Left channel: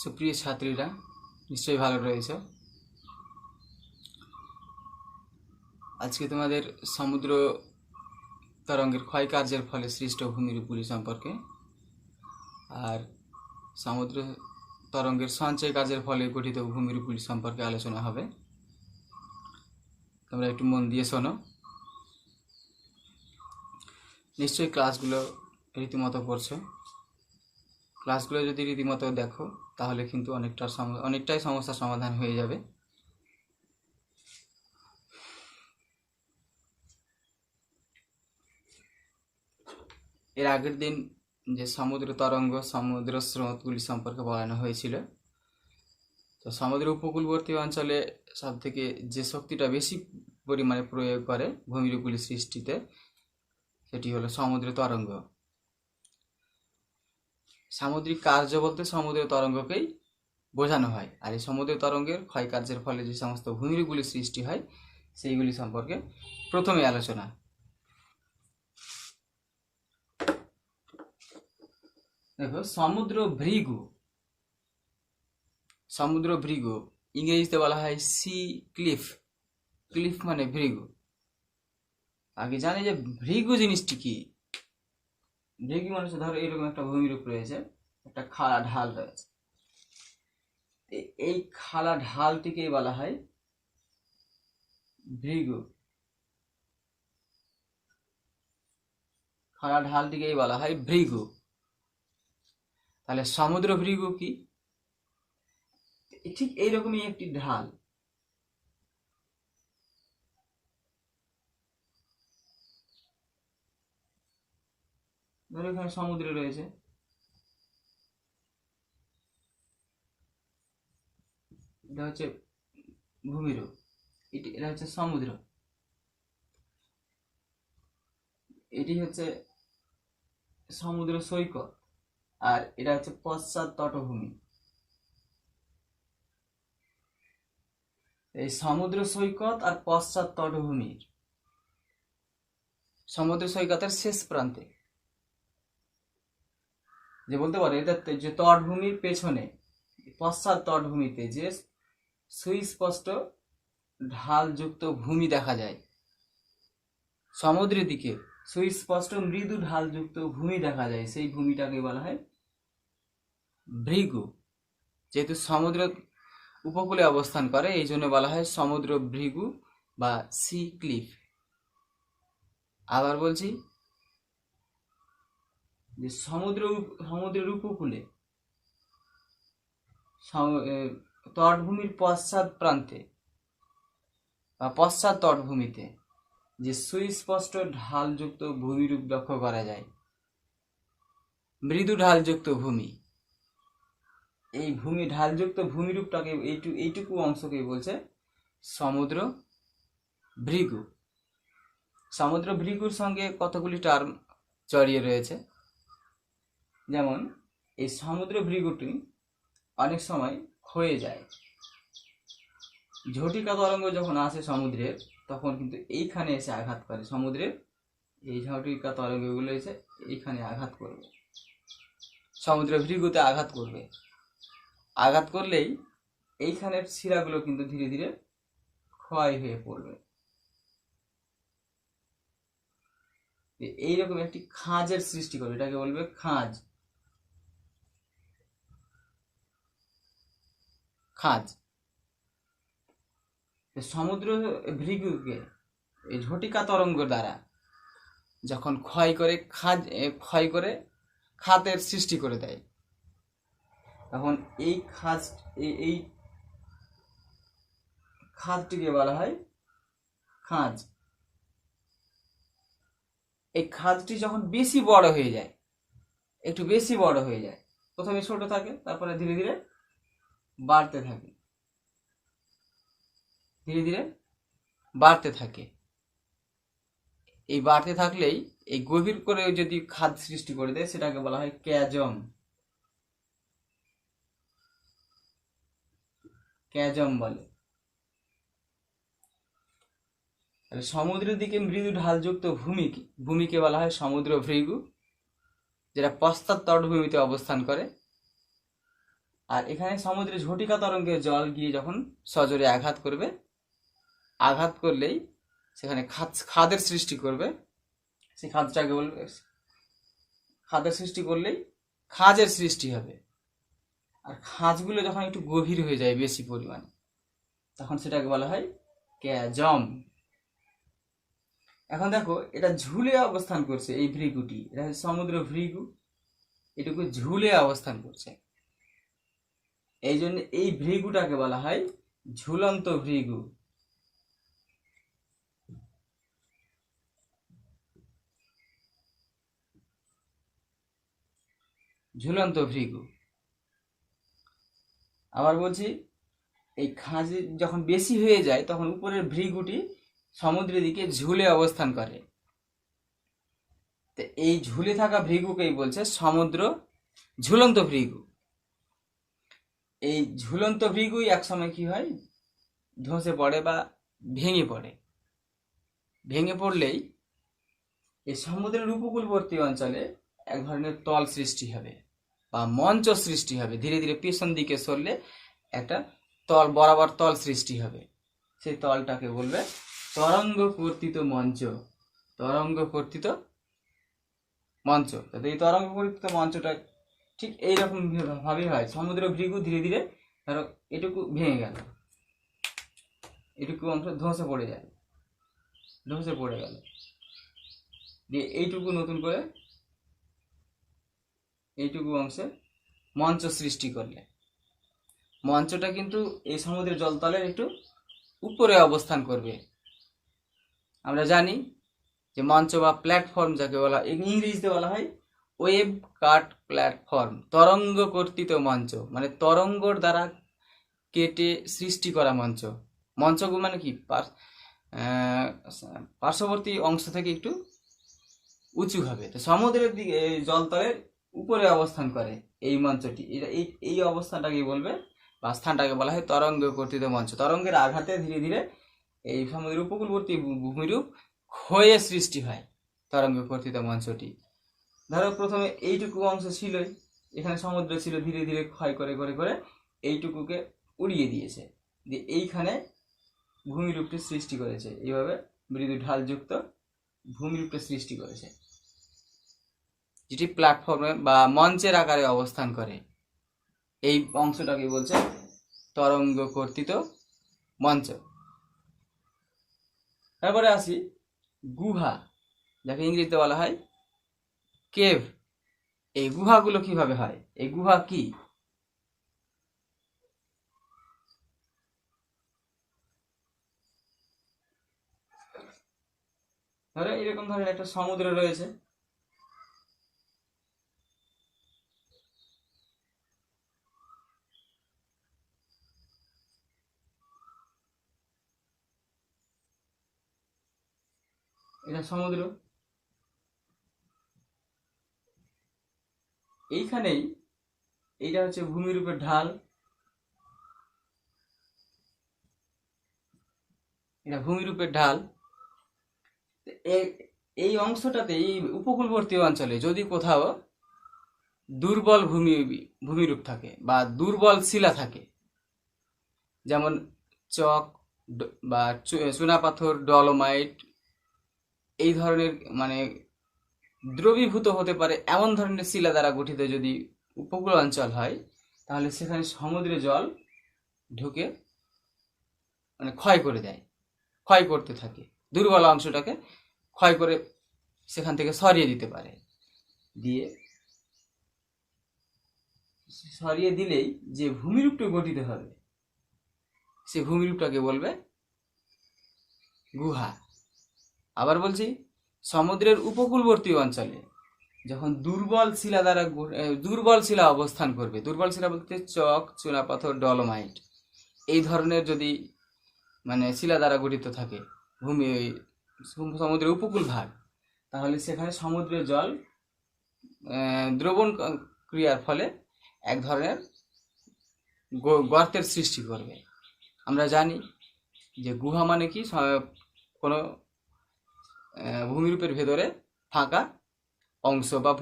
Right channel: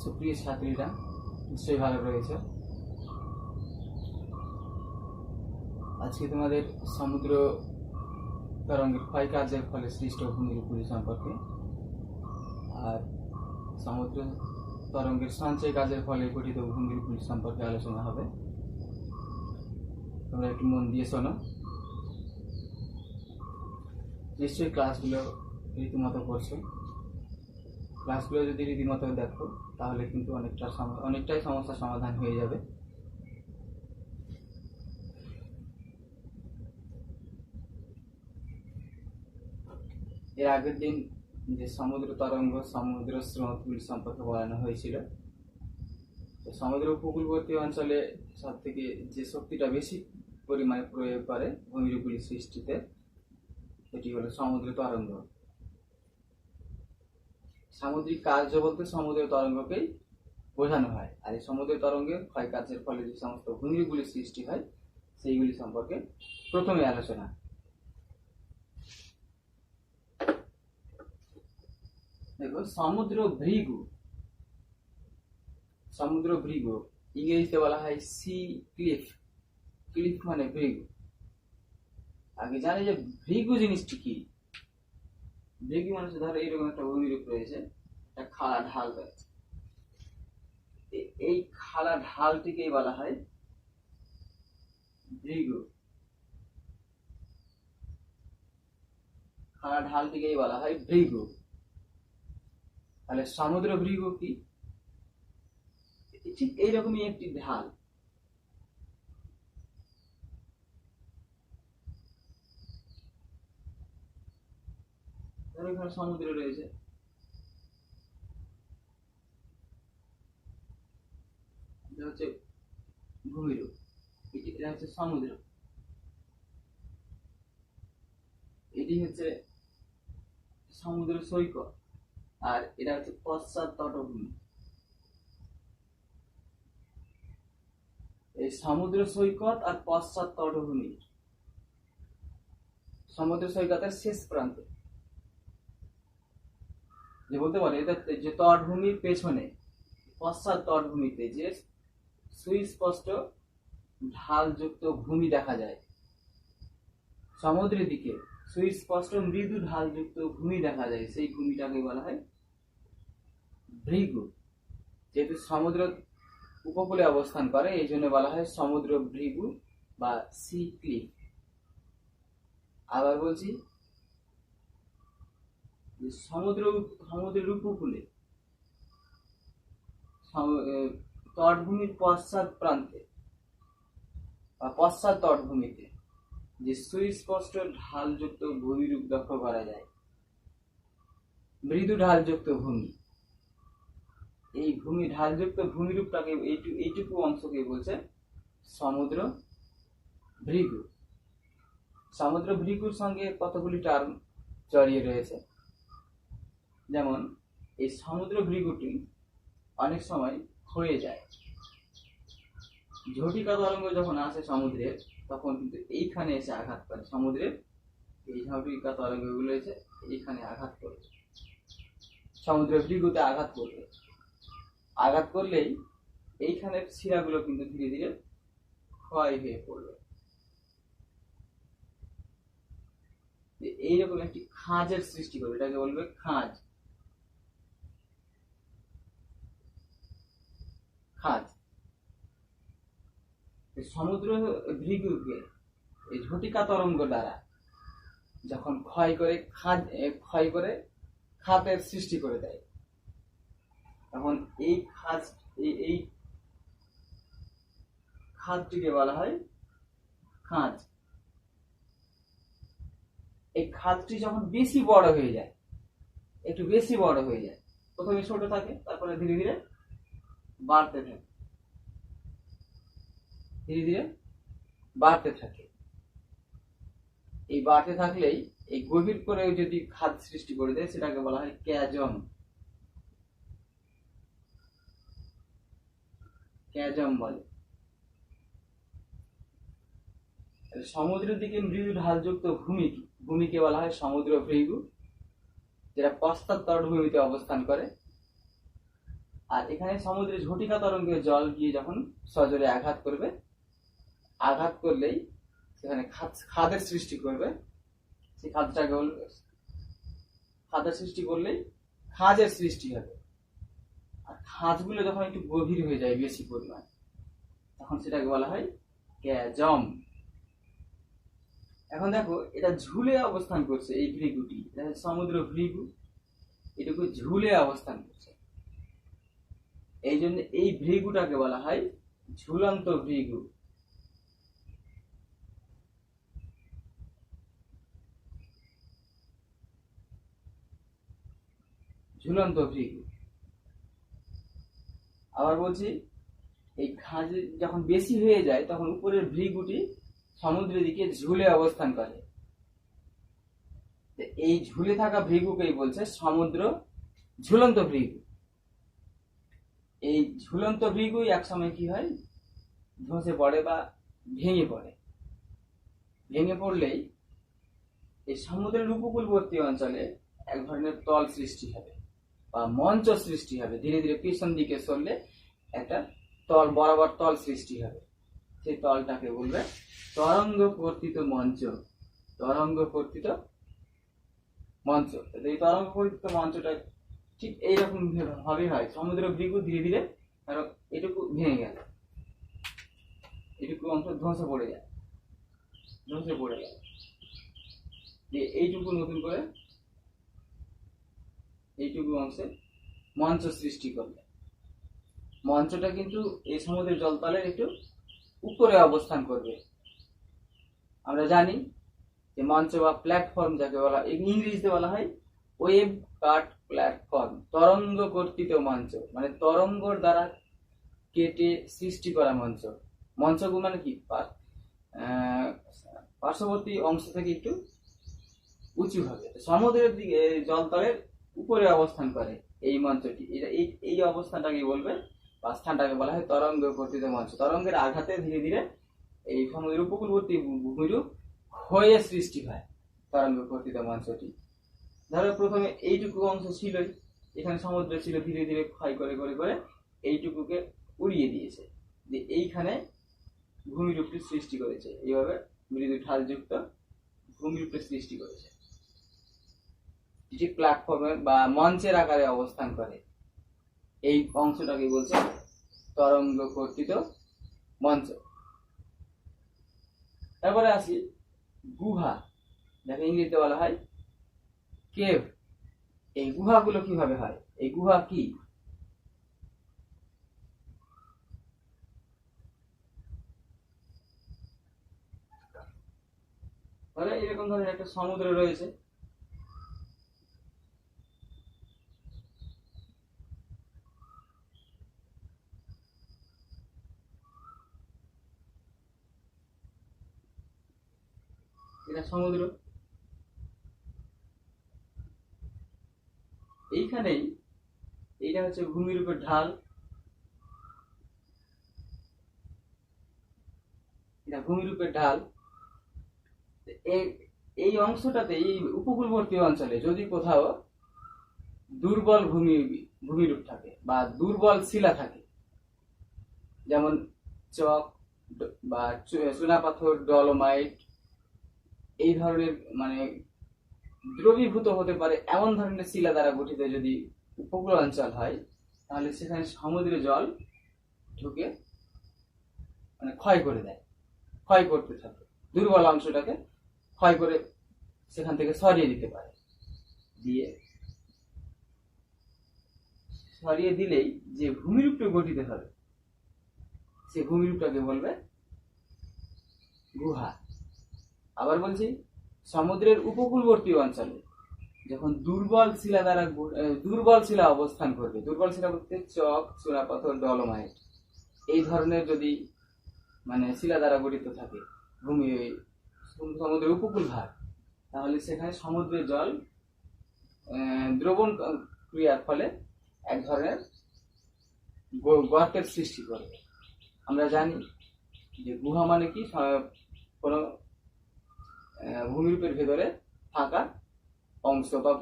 সুপ্রিয় ছাত্রীরা নিশ্চয়ই ভালো রয়েছে। আজকে তোমাদের সমুদ্র তরঙ্গের ক্ষয়কার্যের ফলে সৃষ্ট ভূমিরূপগুলি সম্পর্কে আর সমুদ্র তরঙ্গের সঞ্চয় কাজের ফলে গঠিত ভূমিরূপগুলি সম্পর্কে আলোচনা হবে। তোমরা একটু মন দিয়ে শোনো। নিশ্চয়ই ক্লাসগুলো রীতিমতো করছো। ক্লাসগুলো যদি রীতিমতো দেখো তাহলে কিন্তু অনেকটাই সমস্যার সমাধান হয়ে যাবে। এর আগের দিন যে সমুদ্র তরঙ্গ সমুদ্র স্রোতগুলি সম্পর্কে বলানো হয়েছিল। তো সমুদ্র উপকূলবর্তী অঞ্চলে সব থেকে যে শক্তিটা বেশি পরিমাণে প্রয়োগ করে ভূমিরূপগুলি সৃষ্টিতে সেটি হলো সমুদ্র তরঙ্গ। সামুদ্রিক কার্য বলতে সমুদ্র তরঙ্গকেই বোঝানো হয়। আর এই সমুদ্র তরঙ্গের ক্ষয়কার্যের ফলে যে সমস্ত ভূমিরূপগুলি সৃষ্টি হয় সেইগুলি সম্পর্কে প্রথমে আলোচনা। দেখো, সমুদ্র ভৃগু ইংরেজিতে বলা হয় সি ক্লিফ। ক্লিফ মানে ভৃগু। আগে জানি যে ভৃগু জিনিসটি কি। ভৃগু মানে ধরো এরকম একটা ভূমিরূপ রয়েছে, একটা খাড়া ঢাল রয়েছে, এই খাড়া ঢালটিকেই বলা হয় ভৃগু। খাড়া ঢালটিকেই বলা হয় ভৃগু। তাহলে সমুদ্র ভৃগু কি? ঠিক এইরকমই একটি ঢাল। ধরো এখানে সমুদ্র রয়েছে, এটা হচ্ছে ভূমিরূপ, এটা হচ্ছে সমুদ্র, এটি হচ্ছে সমুদ্র সৈকত, আর এটা হচ্ছে পশ্চাৎ তটভূমি। এই সমুদ্র সৈকত আর পশ্চাৎ তটভূমির সমুদ্র সৈকতের শেষ প্রান্তে যে বলতে পারে এটা যে তটভূমির পেছনে পশ্চাৎ তটভূমিতে যে সুস্পষ্ট ঢালযুক্ত ভূমি দেখা যায়, সমুদ্রের দিকে সুস্পষ্ট মৃদু ঢালযুক্ত ভূমি দেখা যায়, সেই ভূমিটাকে বলা হয় ভৃগু। যেহেতু সমুদ্র উপকূলে অবস্থান করে এই জন্য বলা হয় সমুদ্র ভৃগু বা সি ক্লিফ। আবার বলছি যে সমুদ্রের উপকূলে তটভূমির পশ্চাৎ প্রান্তে বা পশ্চাৎ তটভূমিতে যে সুস্পষ্ট ঢালযুক্ত ভূমিরূপ লক্ষ্য করা যায়, মৃদু ঢালযুক্ত ভূমি, এই ঢালযুক্ত ভূমিরূপটাকে এইটুকু অংশকে বলছে সমুদ্র ভৃগু। সমুদ্র ভৃগুর সঙ্গে কতগুলি টার্ম জড়িয়ে রয়েছে। যেমন এই সমুদ্র ভৃগুটি অনেক সময় ক্ষয়ে যায়। ঝটিকা তরঙ্গ যখন আসে সমুদ্রের তখন কিন্তু এইখানে এসে আঘাত করে, সমুদ্রের এই ঝটিকা তরঙ্গগুলো এসে এইখানে আঘাত করবে, সমুদ্র ভৃগুতে আঘাত করবে। আঘাত করলেই এইখানের শিরাগুলো কিন্তু ধীরে ধীরে ক্ষয় হয়ে পড়বে। এইরকম একটি খাঁজের সৃষ্টি করবে, এটাকে বলবে খাঁজ। সমুদ্র ভৃগুকে এই ঝটিকা তরঙ্গ দ্বারা যখন ক্ষয় করে খাতের সৃষ্টি করে দেয়, তখন এই খাতটিকে বলা হয় খাঁজ। এই খাতটি যখন বেশি বড় হয়ে যায়, একটু বেশি বড় হয়ে যায়, প্রথমে ছোট থাকে তারপরে ধীরে ধীরে বাড়তে থাকে, এই বাড়তে থাকলেই এই গভীর করে যদি খাদ সৃষ্টি করে দেয় সেটাকে বলা হয় ক্যাজম বলে। সমুদ্রের দিকে মৃদু ঢালযুক্ত ভূমিকে বলা হয় সমুদ্র ভৃগু, যেটা পশ্চাৎ তটভূমিতে অবস্থান করে। আর এখানে সমুদ্রে ঝটিকা তরঙ্গের জল গিয়ে যখন সজোরে আঘাত করবে, আঘাত করলেই সেখানে খাদের সৃষ্টি করবে। সেই খাদটাকে বলবে, খাদের সৃষ্টি করলেই খাঁজের সৃষ্টি হবে। আর খাঁজগুলো যখন একটু গভীর হয়ে যায় বেশি পরিমাণ, তখন সেটাকে বলা হয় ক্যাজম। এখন দেখো এটা ঝুলে অবস্থান করছে, এই ভৃগুটি, এটা সমুদ্র ভৃগু, এটুকু ঝুলে অবস্থান করছে। এই জন্য এই ভৃগুটাকে বলা হয় ঝুলন্ত ভৃগু। ঝুলন্ত ভৃগু। আবার বলছি, এই খাঁজ যখন বেশি হয়ে যায় তখন উপরের ভৃগুটি সমুদ্রের দিকে ঝুলে অবস্থান করে। তো এই ঝুলে থাকা ভৃগুকেই বলছে সমুদ্র ঝুলন্ত ভৃগু। এই ঝুলন্ত ভৃগুই একসময় কি হয়, ধসে পড়ে বা ভেঙে পড়ে। ভেঙে পড়লেই এই সমুদ্রের উপকূলবর্তী অঞ্চলে এক ধরনের তল সৃষ্টি হবে বা মঞ্চ সৃষ্টি হবে। ধীরে ধীরে পেছন দিকে সরলে একটা তল, বরাবর তল সৃষ্টি হবে। সেই তলটাকে বলবে তরঙ্গ কর্তিত মঞ্চ। তরঙ্গ কর্তিত মঞ্চ। এই তরঙ্গ কর্তিত মঞ্চটা ঠিক এইরকম ভাবেই হয়। সমুদ্র ভৃগু ধীরে ধীরে ধরো এটুকু ভেঙে গেল, এটুকু অংশ ধসে পড়ে যায়, ধসে পড়ে গেল, দিয়ে এইটুকু নতুন করে এইটুকু অংশে মঞ্চ সৃষ্টি করলে, মঞ্চটা কিন্তু এই সমুদ্রের জলতলের একটু উপরে অবস্থান করবে। আমরা জানি যে মঞ্চ বা প্ল্যাটফর্ম যাকে বলা, ইংরেজিতে বলা হয় ওয়েভ কাট প্ল্যাটফর্ম। তরঙ্গ কর্তিত মঞ্চ মানে তরঙ্গর দ্বারা কেটে সৃষ্টি করা মঞ্চ। মঞ্চগুলো মানে কি, পার্শ্ববর্তী অংশ থেকে একটু উঁচু হবে। তো সমুদ্রের দিকে জলতলের উপরে অবস্থান করে এই মঞ্চটি। এটা এই অবস্থানটাকে বলবে বা স্থানটাকে বলা হয় তরঙ্গ কর্তিত মঞ্চ। তরঙ্গের আঘাতে ধীরে ধীরে এই সমুদ্রের উপকূলবর্তী ভূমিরূপ ক্ষয়ে সৃষ্টি হয় তরঙ্গ কর্তিত মঞ্চটি। ধরো প্রথমে এইটুকু অংশ ছিলই, এখানে সমুদ্র ছিল, ধীরে ধীরে ক্ষয় করে করে করে এইটুকুকে উড়িয়ে দিয়েছে, দিয়ে এইখানে ভূমিরূপটি সৃষ্টি করেছে। এইভাবে মৃদু ঢালযুক্ত ভূমিরূপটি সৃষ্টি করেছে, যেটি প্ল্যাটফর্মে বা মঞ্চের আকারে অবস্থান করে। এই অংশটাকে বলছে তরঙ্গ কর্তিত মঞ্চ। তারপরে আসি গুহা, যাকে ইংরেজিতে বলা হয় কেভ। এই গুহাগুলো কিভাবে হয়, এই গুহা কি? ধরো এরকম ধরনের একটা সমুদ্র রয়েছে, এটা সমুদ্র। এইখানেই এইটা হচ্ছে ভূমিরূপের ঢাল, এটা ভূমিরূপের ঢাল। এই অংশটাতে, এই উপকূলবর্তী অঞ্চলে যদি কোথাও দুর্বল ভূমিরূপ থাকে বা দুর্বল শিলা থাকে, যেমন চক বা চুনাপাথর, ডলোমাইট, এই ধরনের মানে দ্রবীভূত হতে পারে এমন ধরনের শিলা দ্বারা গঠিত যদি উপকূল অঞ্চল হয়, তাহলে সেখানে সমুদ্রের জল ঢুকে মানে ক্ষয় করে দেয়, ক্ষয় করতে থাকে, দুর্বল অংশটাকে ক্ষয় করে সেখান থেকে সরিয়ে দিতে পারে। দিয়ে সরিয়ে দিলেই যে ভূমিরূপটা গঠিত হবে, সে ভূমিরূপটাকে বলবে গুহা। আবার বলছি, সমুদ্রের উপকূলবর্তী অঞ্চলে যখন দুর্বল শিলা অবস্থান করবে, দুর্বল শিলা বলতে চক, চুনাপাথর, ডলোমাইট, এই ধরনের যদি মানে শিলা দ্বারা গঠিত থাকে সমুদ্রের উপকূল ভাগ, তাহলে সেখানে সমুদ্রের জল দ্রবণ ক্রিয়ার ফলে এক ধরনের গর্তের সৃষ্টি করবে। আমরা জানি যে গুহা মানে কি, কোনো ভূমিরূপের ভেতরে ফাঁকা অংশ বা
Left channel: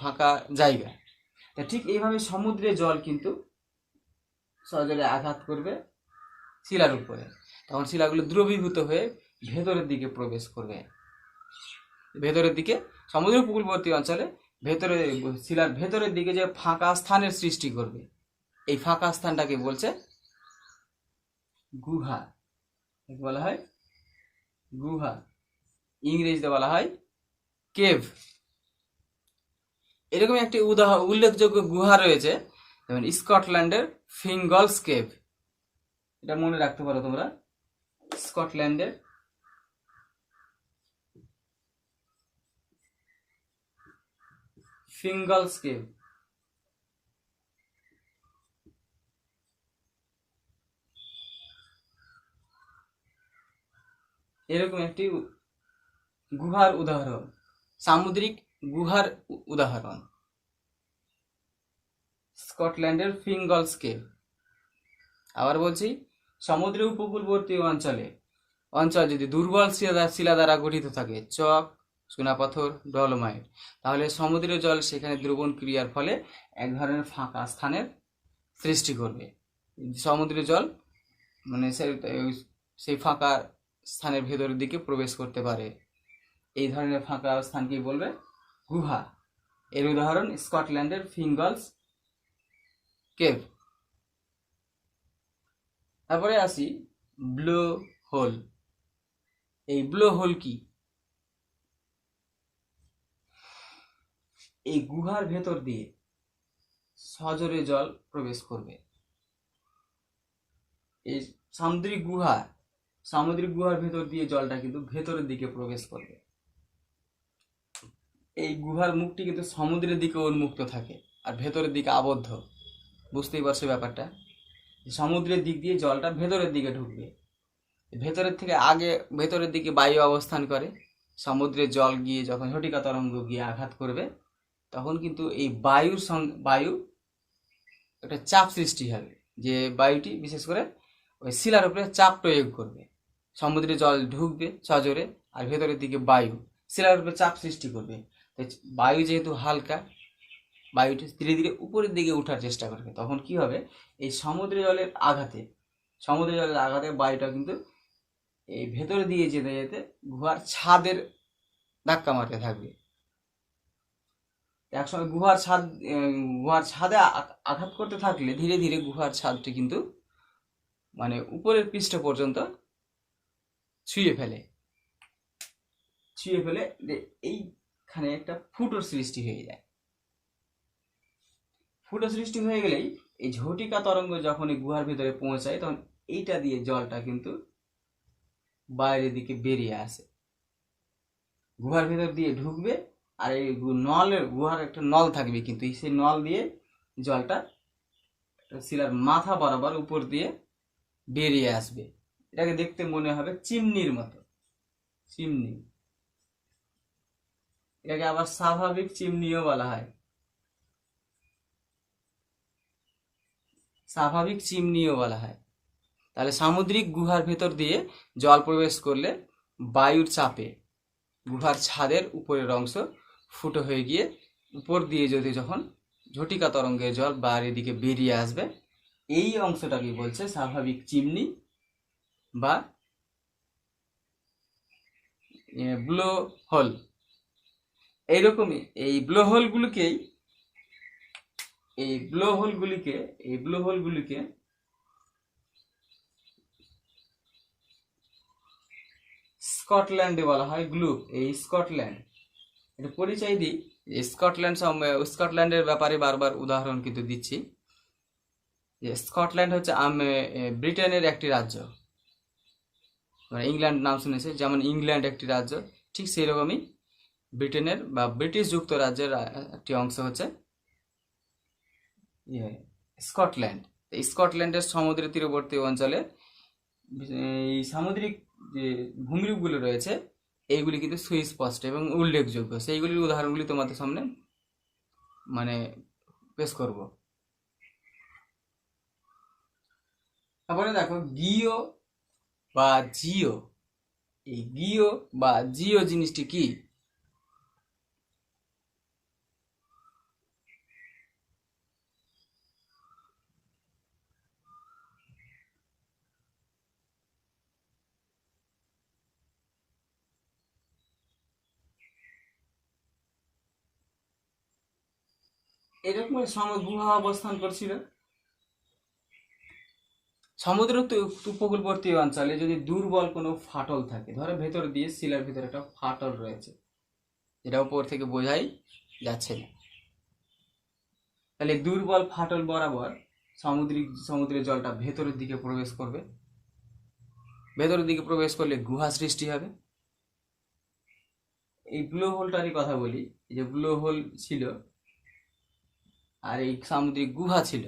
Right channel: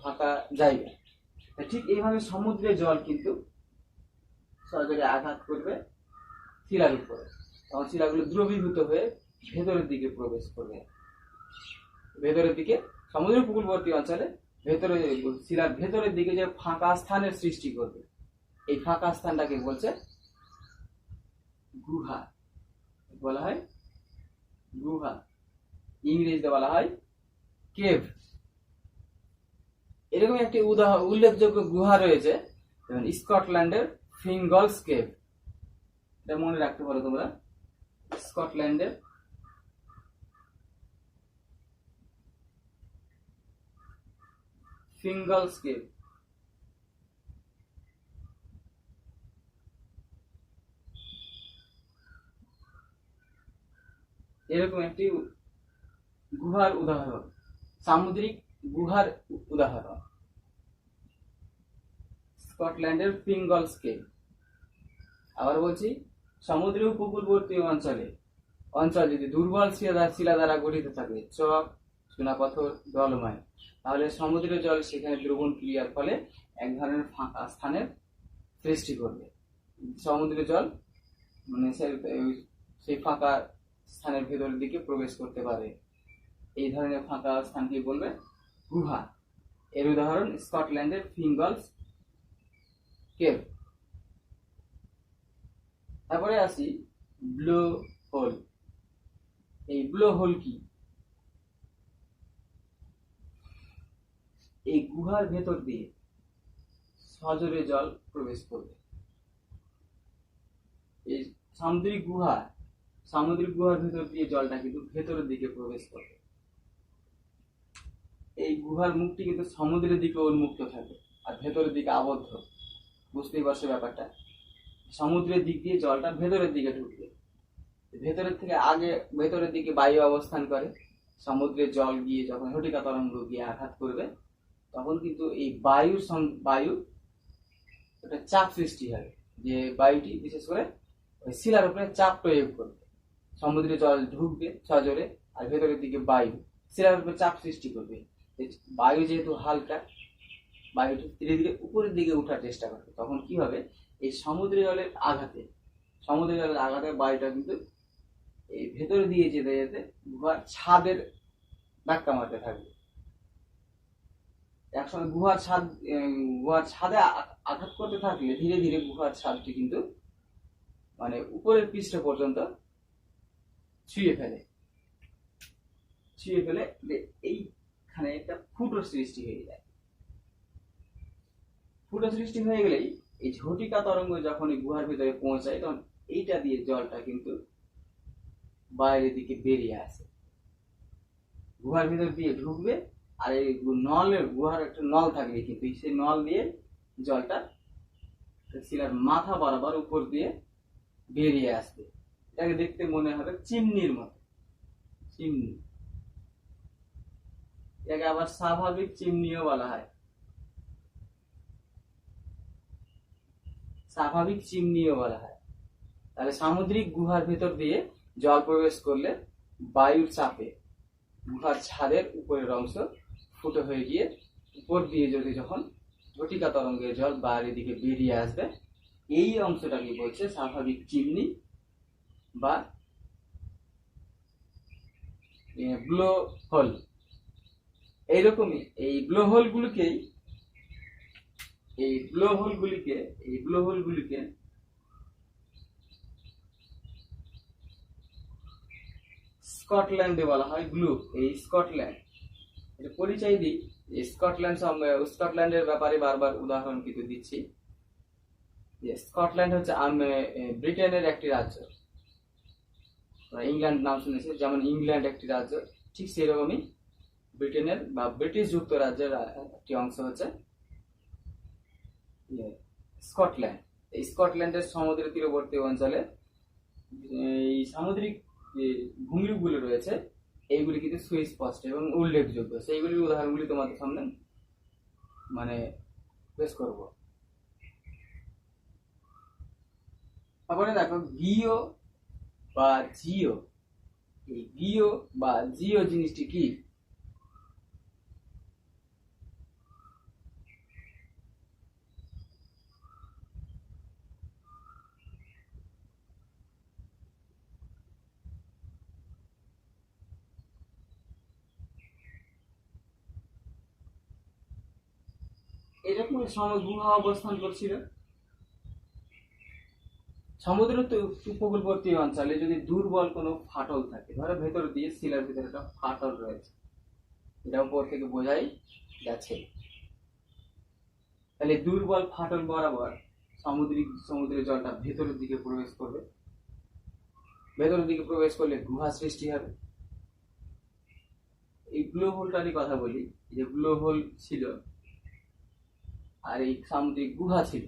ফাঁকা জায়গা। তা ঠিক এইভাবে সমুদ্রের জল কিন্তু সজোরে আঘাত করবে শিলার উপরে, তখন শিলাগুলো দ্রবীভূত হয়ে ভেতরের দিকে প্রবেশ করবে। ভেতরের দিকে সমুদ্র উপকূলবর্তী অঞ্চলে ভেতরে শিলার ভেতরের দিকে যে ফাঁকা স্থানের সৃষ্টি করবে, এই ফাঁকা স্থানটাকে বলছে গুহা। বলা হয় গুহা, ইংরেজিতে বলা হয় কেভ। এরকম একটি উল্লেখযোগ্য গুহা রয়েছে, যেমন স্কটল্যান্ডের ফিঙ্গলস কেভ। এটা মনে রাখতে পারো তোমরা, স্কটল্যান্ডের ফিঙ্গলস কেভ। এরকম একটি গুহার উদাহরণ, সামুদ্রিক গুহার উদাহরণ স্কটল্যান্ডের ফিঙ্গলস কেভ। আবার বলছি, সমুদ্র উপকূলবর্তী অঞ্চল যদি দুর্বল শিলা দ্বারা গঠিত থাকে, চক, চুনাপাথর, ডলোমাইট, তাহলে সমুদ্রের জল সেখানে দ্রবণ ক্রিয়ার ফলে এক ধরনের ফাঁকা স্থানের সৃষ্টি করবে। সমুদ্রের জল মানে সেই ফাঁকা স্থানের ভেতরের দিকে প্রবেশ করতে পারে। এই ধরনের ফাঁকা স্থানকে বলবে গুহা। এর উদাহরণ স্কটল্যান্ডের ফিঙ্গলস কেভ। তারপরে আসি ব্লো হোল। এই ব্লো হোল কি? এই গুহার ভেতর দিয়ে সজোরে জল প্রবেশ করবে। এই সামুদ্রিক গুহার ভেতর দিয়ে জলটা কিন্তু ভেতরের দিকে প্রবেশ করবে। এই গুহার মুখটি কিন্তু সমুদ্রের দিকে উন্মুক্ত থাকে আর ভেতরের দিকে আবদ্ধ। বুঝতেই পারছো ব্যাপারটা, সমুদ্রের দিক দিয়ে জলটা ভেতরের দিকে ঢুকবে। ভেতরের দিকে বায়ু অবস্থান করে। সমুদ্রের জল গিয়ে যখন ঝটিকা তরঙ্গ গিয়ে আঘাত করবে, তখন কিন্তু এই বায়ু একটা চাপ সৃষ্টি হবে, যে বায়ুটি বিশেষ করে ওই শিলার উপরে চাপ প্রয়োগ করবে। সমুদ্রে জল ঢুকবে সজোরে, আর ভেতরের দিকে বায়ু শিলার উপরে চাপ সৃষ্টি করবে। বায়ু যেহেতু হালকা, বায়ুটি ধীরে ধীরে উপরের দিকে ওঠার চেষ্টা করবে। তখন কি হবে, এই সমুদ্র জলের আঘাতে বায়ুটা কিন্তু এই ভেতরে দিয়ে যেতে যেতে গুহার ছাদের ধাক্কা মারতে থাকবে। একসময় গুহার ছাদে আঘাত করতে থাকলে ধীরে ধীরে গুহার ছাদটি কিন্তু মানে উপরের পৃষ্ঠ পর্যন্ত ছুঁয়ে ফেলে এইখানে একটা ফুটোর সৃষ্টি হয়ে যায়। ফুটো সৃষ্টি হয়ে গেলেই এই ঝটিকা তরঙ্গ যখন এই গুহার ভিতরে পৌঁছায়, তখন এইটা দিয়ে জলটা কিন্তু বাইরের দিকে বেরিয়ে আসে, গুহার ভিতর দিয়ে ঢুকবে। আর এই গুহার একটা নল থাকবে, কিন্তু সেই নল দিয়ে জলটা শিলার মাথা বরাবর উপর দিয়ে বেরিয়ে আসবে। এটাকে দেখতে মনে হবে চিমনির মতো, চিমনি। এটাকে আবার স্বাভাবিক চিমনিও বলা হয়, তাহলে সামুদ্রিক গুহার ভেতর দিয়ে জল প্রবেশ করলে বায়ুর চাপে গুহার ছাদের উপরের অংশ ফুটো হয়ে গিয়ে উপর দিয়ে যখন ঝটিকা তরঙ্গের জল বাইরের দিকে বেরিয়ে আসবে, এই অংশটাকে বলছে স্বাভাবিক চিমনি বা ব্লো হোল। এইরকমই এই ব্লো হোলগুলিকে স্কটল্যান্ডে বলা হয় গ্লুপ। এই স্কটল্যান্ড, এটা পরিচয় দিই, স্কটল্যান্ডের ব্যাপারে বারবার উদাহরণ কিন্তু দিচ্ছি, যে স্কটল্যান্ড হচ্ছে ব্রিটেনের একটি রাজ্য। ইংল্যান্ড নাম শুনেছে, যেমন ইংল্যান্ড একটি রাজ্য, ঠিক সেই রকমই ব্রিটেনের বা ব্রিটিশ যুক্তরাজ্যের একটি অংশ হচ্ছে স্কটল্যান্ড। এই স্কটল্যান্ডের সমুদ্র তীরবর্তী অঞ্চলে এই সামুদ্রিক যে ভূমিরূপগুলো রয়েছে, এইগুলি কিন্তু সুস্পষ্ট এবং উল্লেখযোগ্য। সেইগুলির উদাহরণগুলি তোমাদের সামনে পেশ করব। তারপরে দেখো গিও বা জিও। এই গিও বা জিও জিনিসটি কি? এরকম সমগুহা অবস্থান করছিল। সমুদ্র উপকূলবর্তী অঞ্চলে যদি দুর্বল কোনো ফাটল থাকে, ধরো ভেতর দিয়ে শিলার ভিতরে একটা ফাটল রয়েছে, এটা উপর থেকে বোঝাই যাচ্ছে না, তাহলে দুর্বল ফাটল বরাবর সমুদ্রের জলটা ভেতরের দিকে প্রবেশ করবে। ভেতরের দিকে প্রবেশ করলে গুহা সৃষ্টি হবে। এই ব্লো হোলটারই কথা বলি, যে ব্লো হোল ছিল আর এই সামুদ্রিক গুহা ছিল,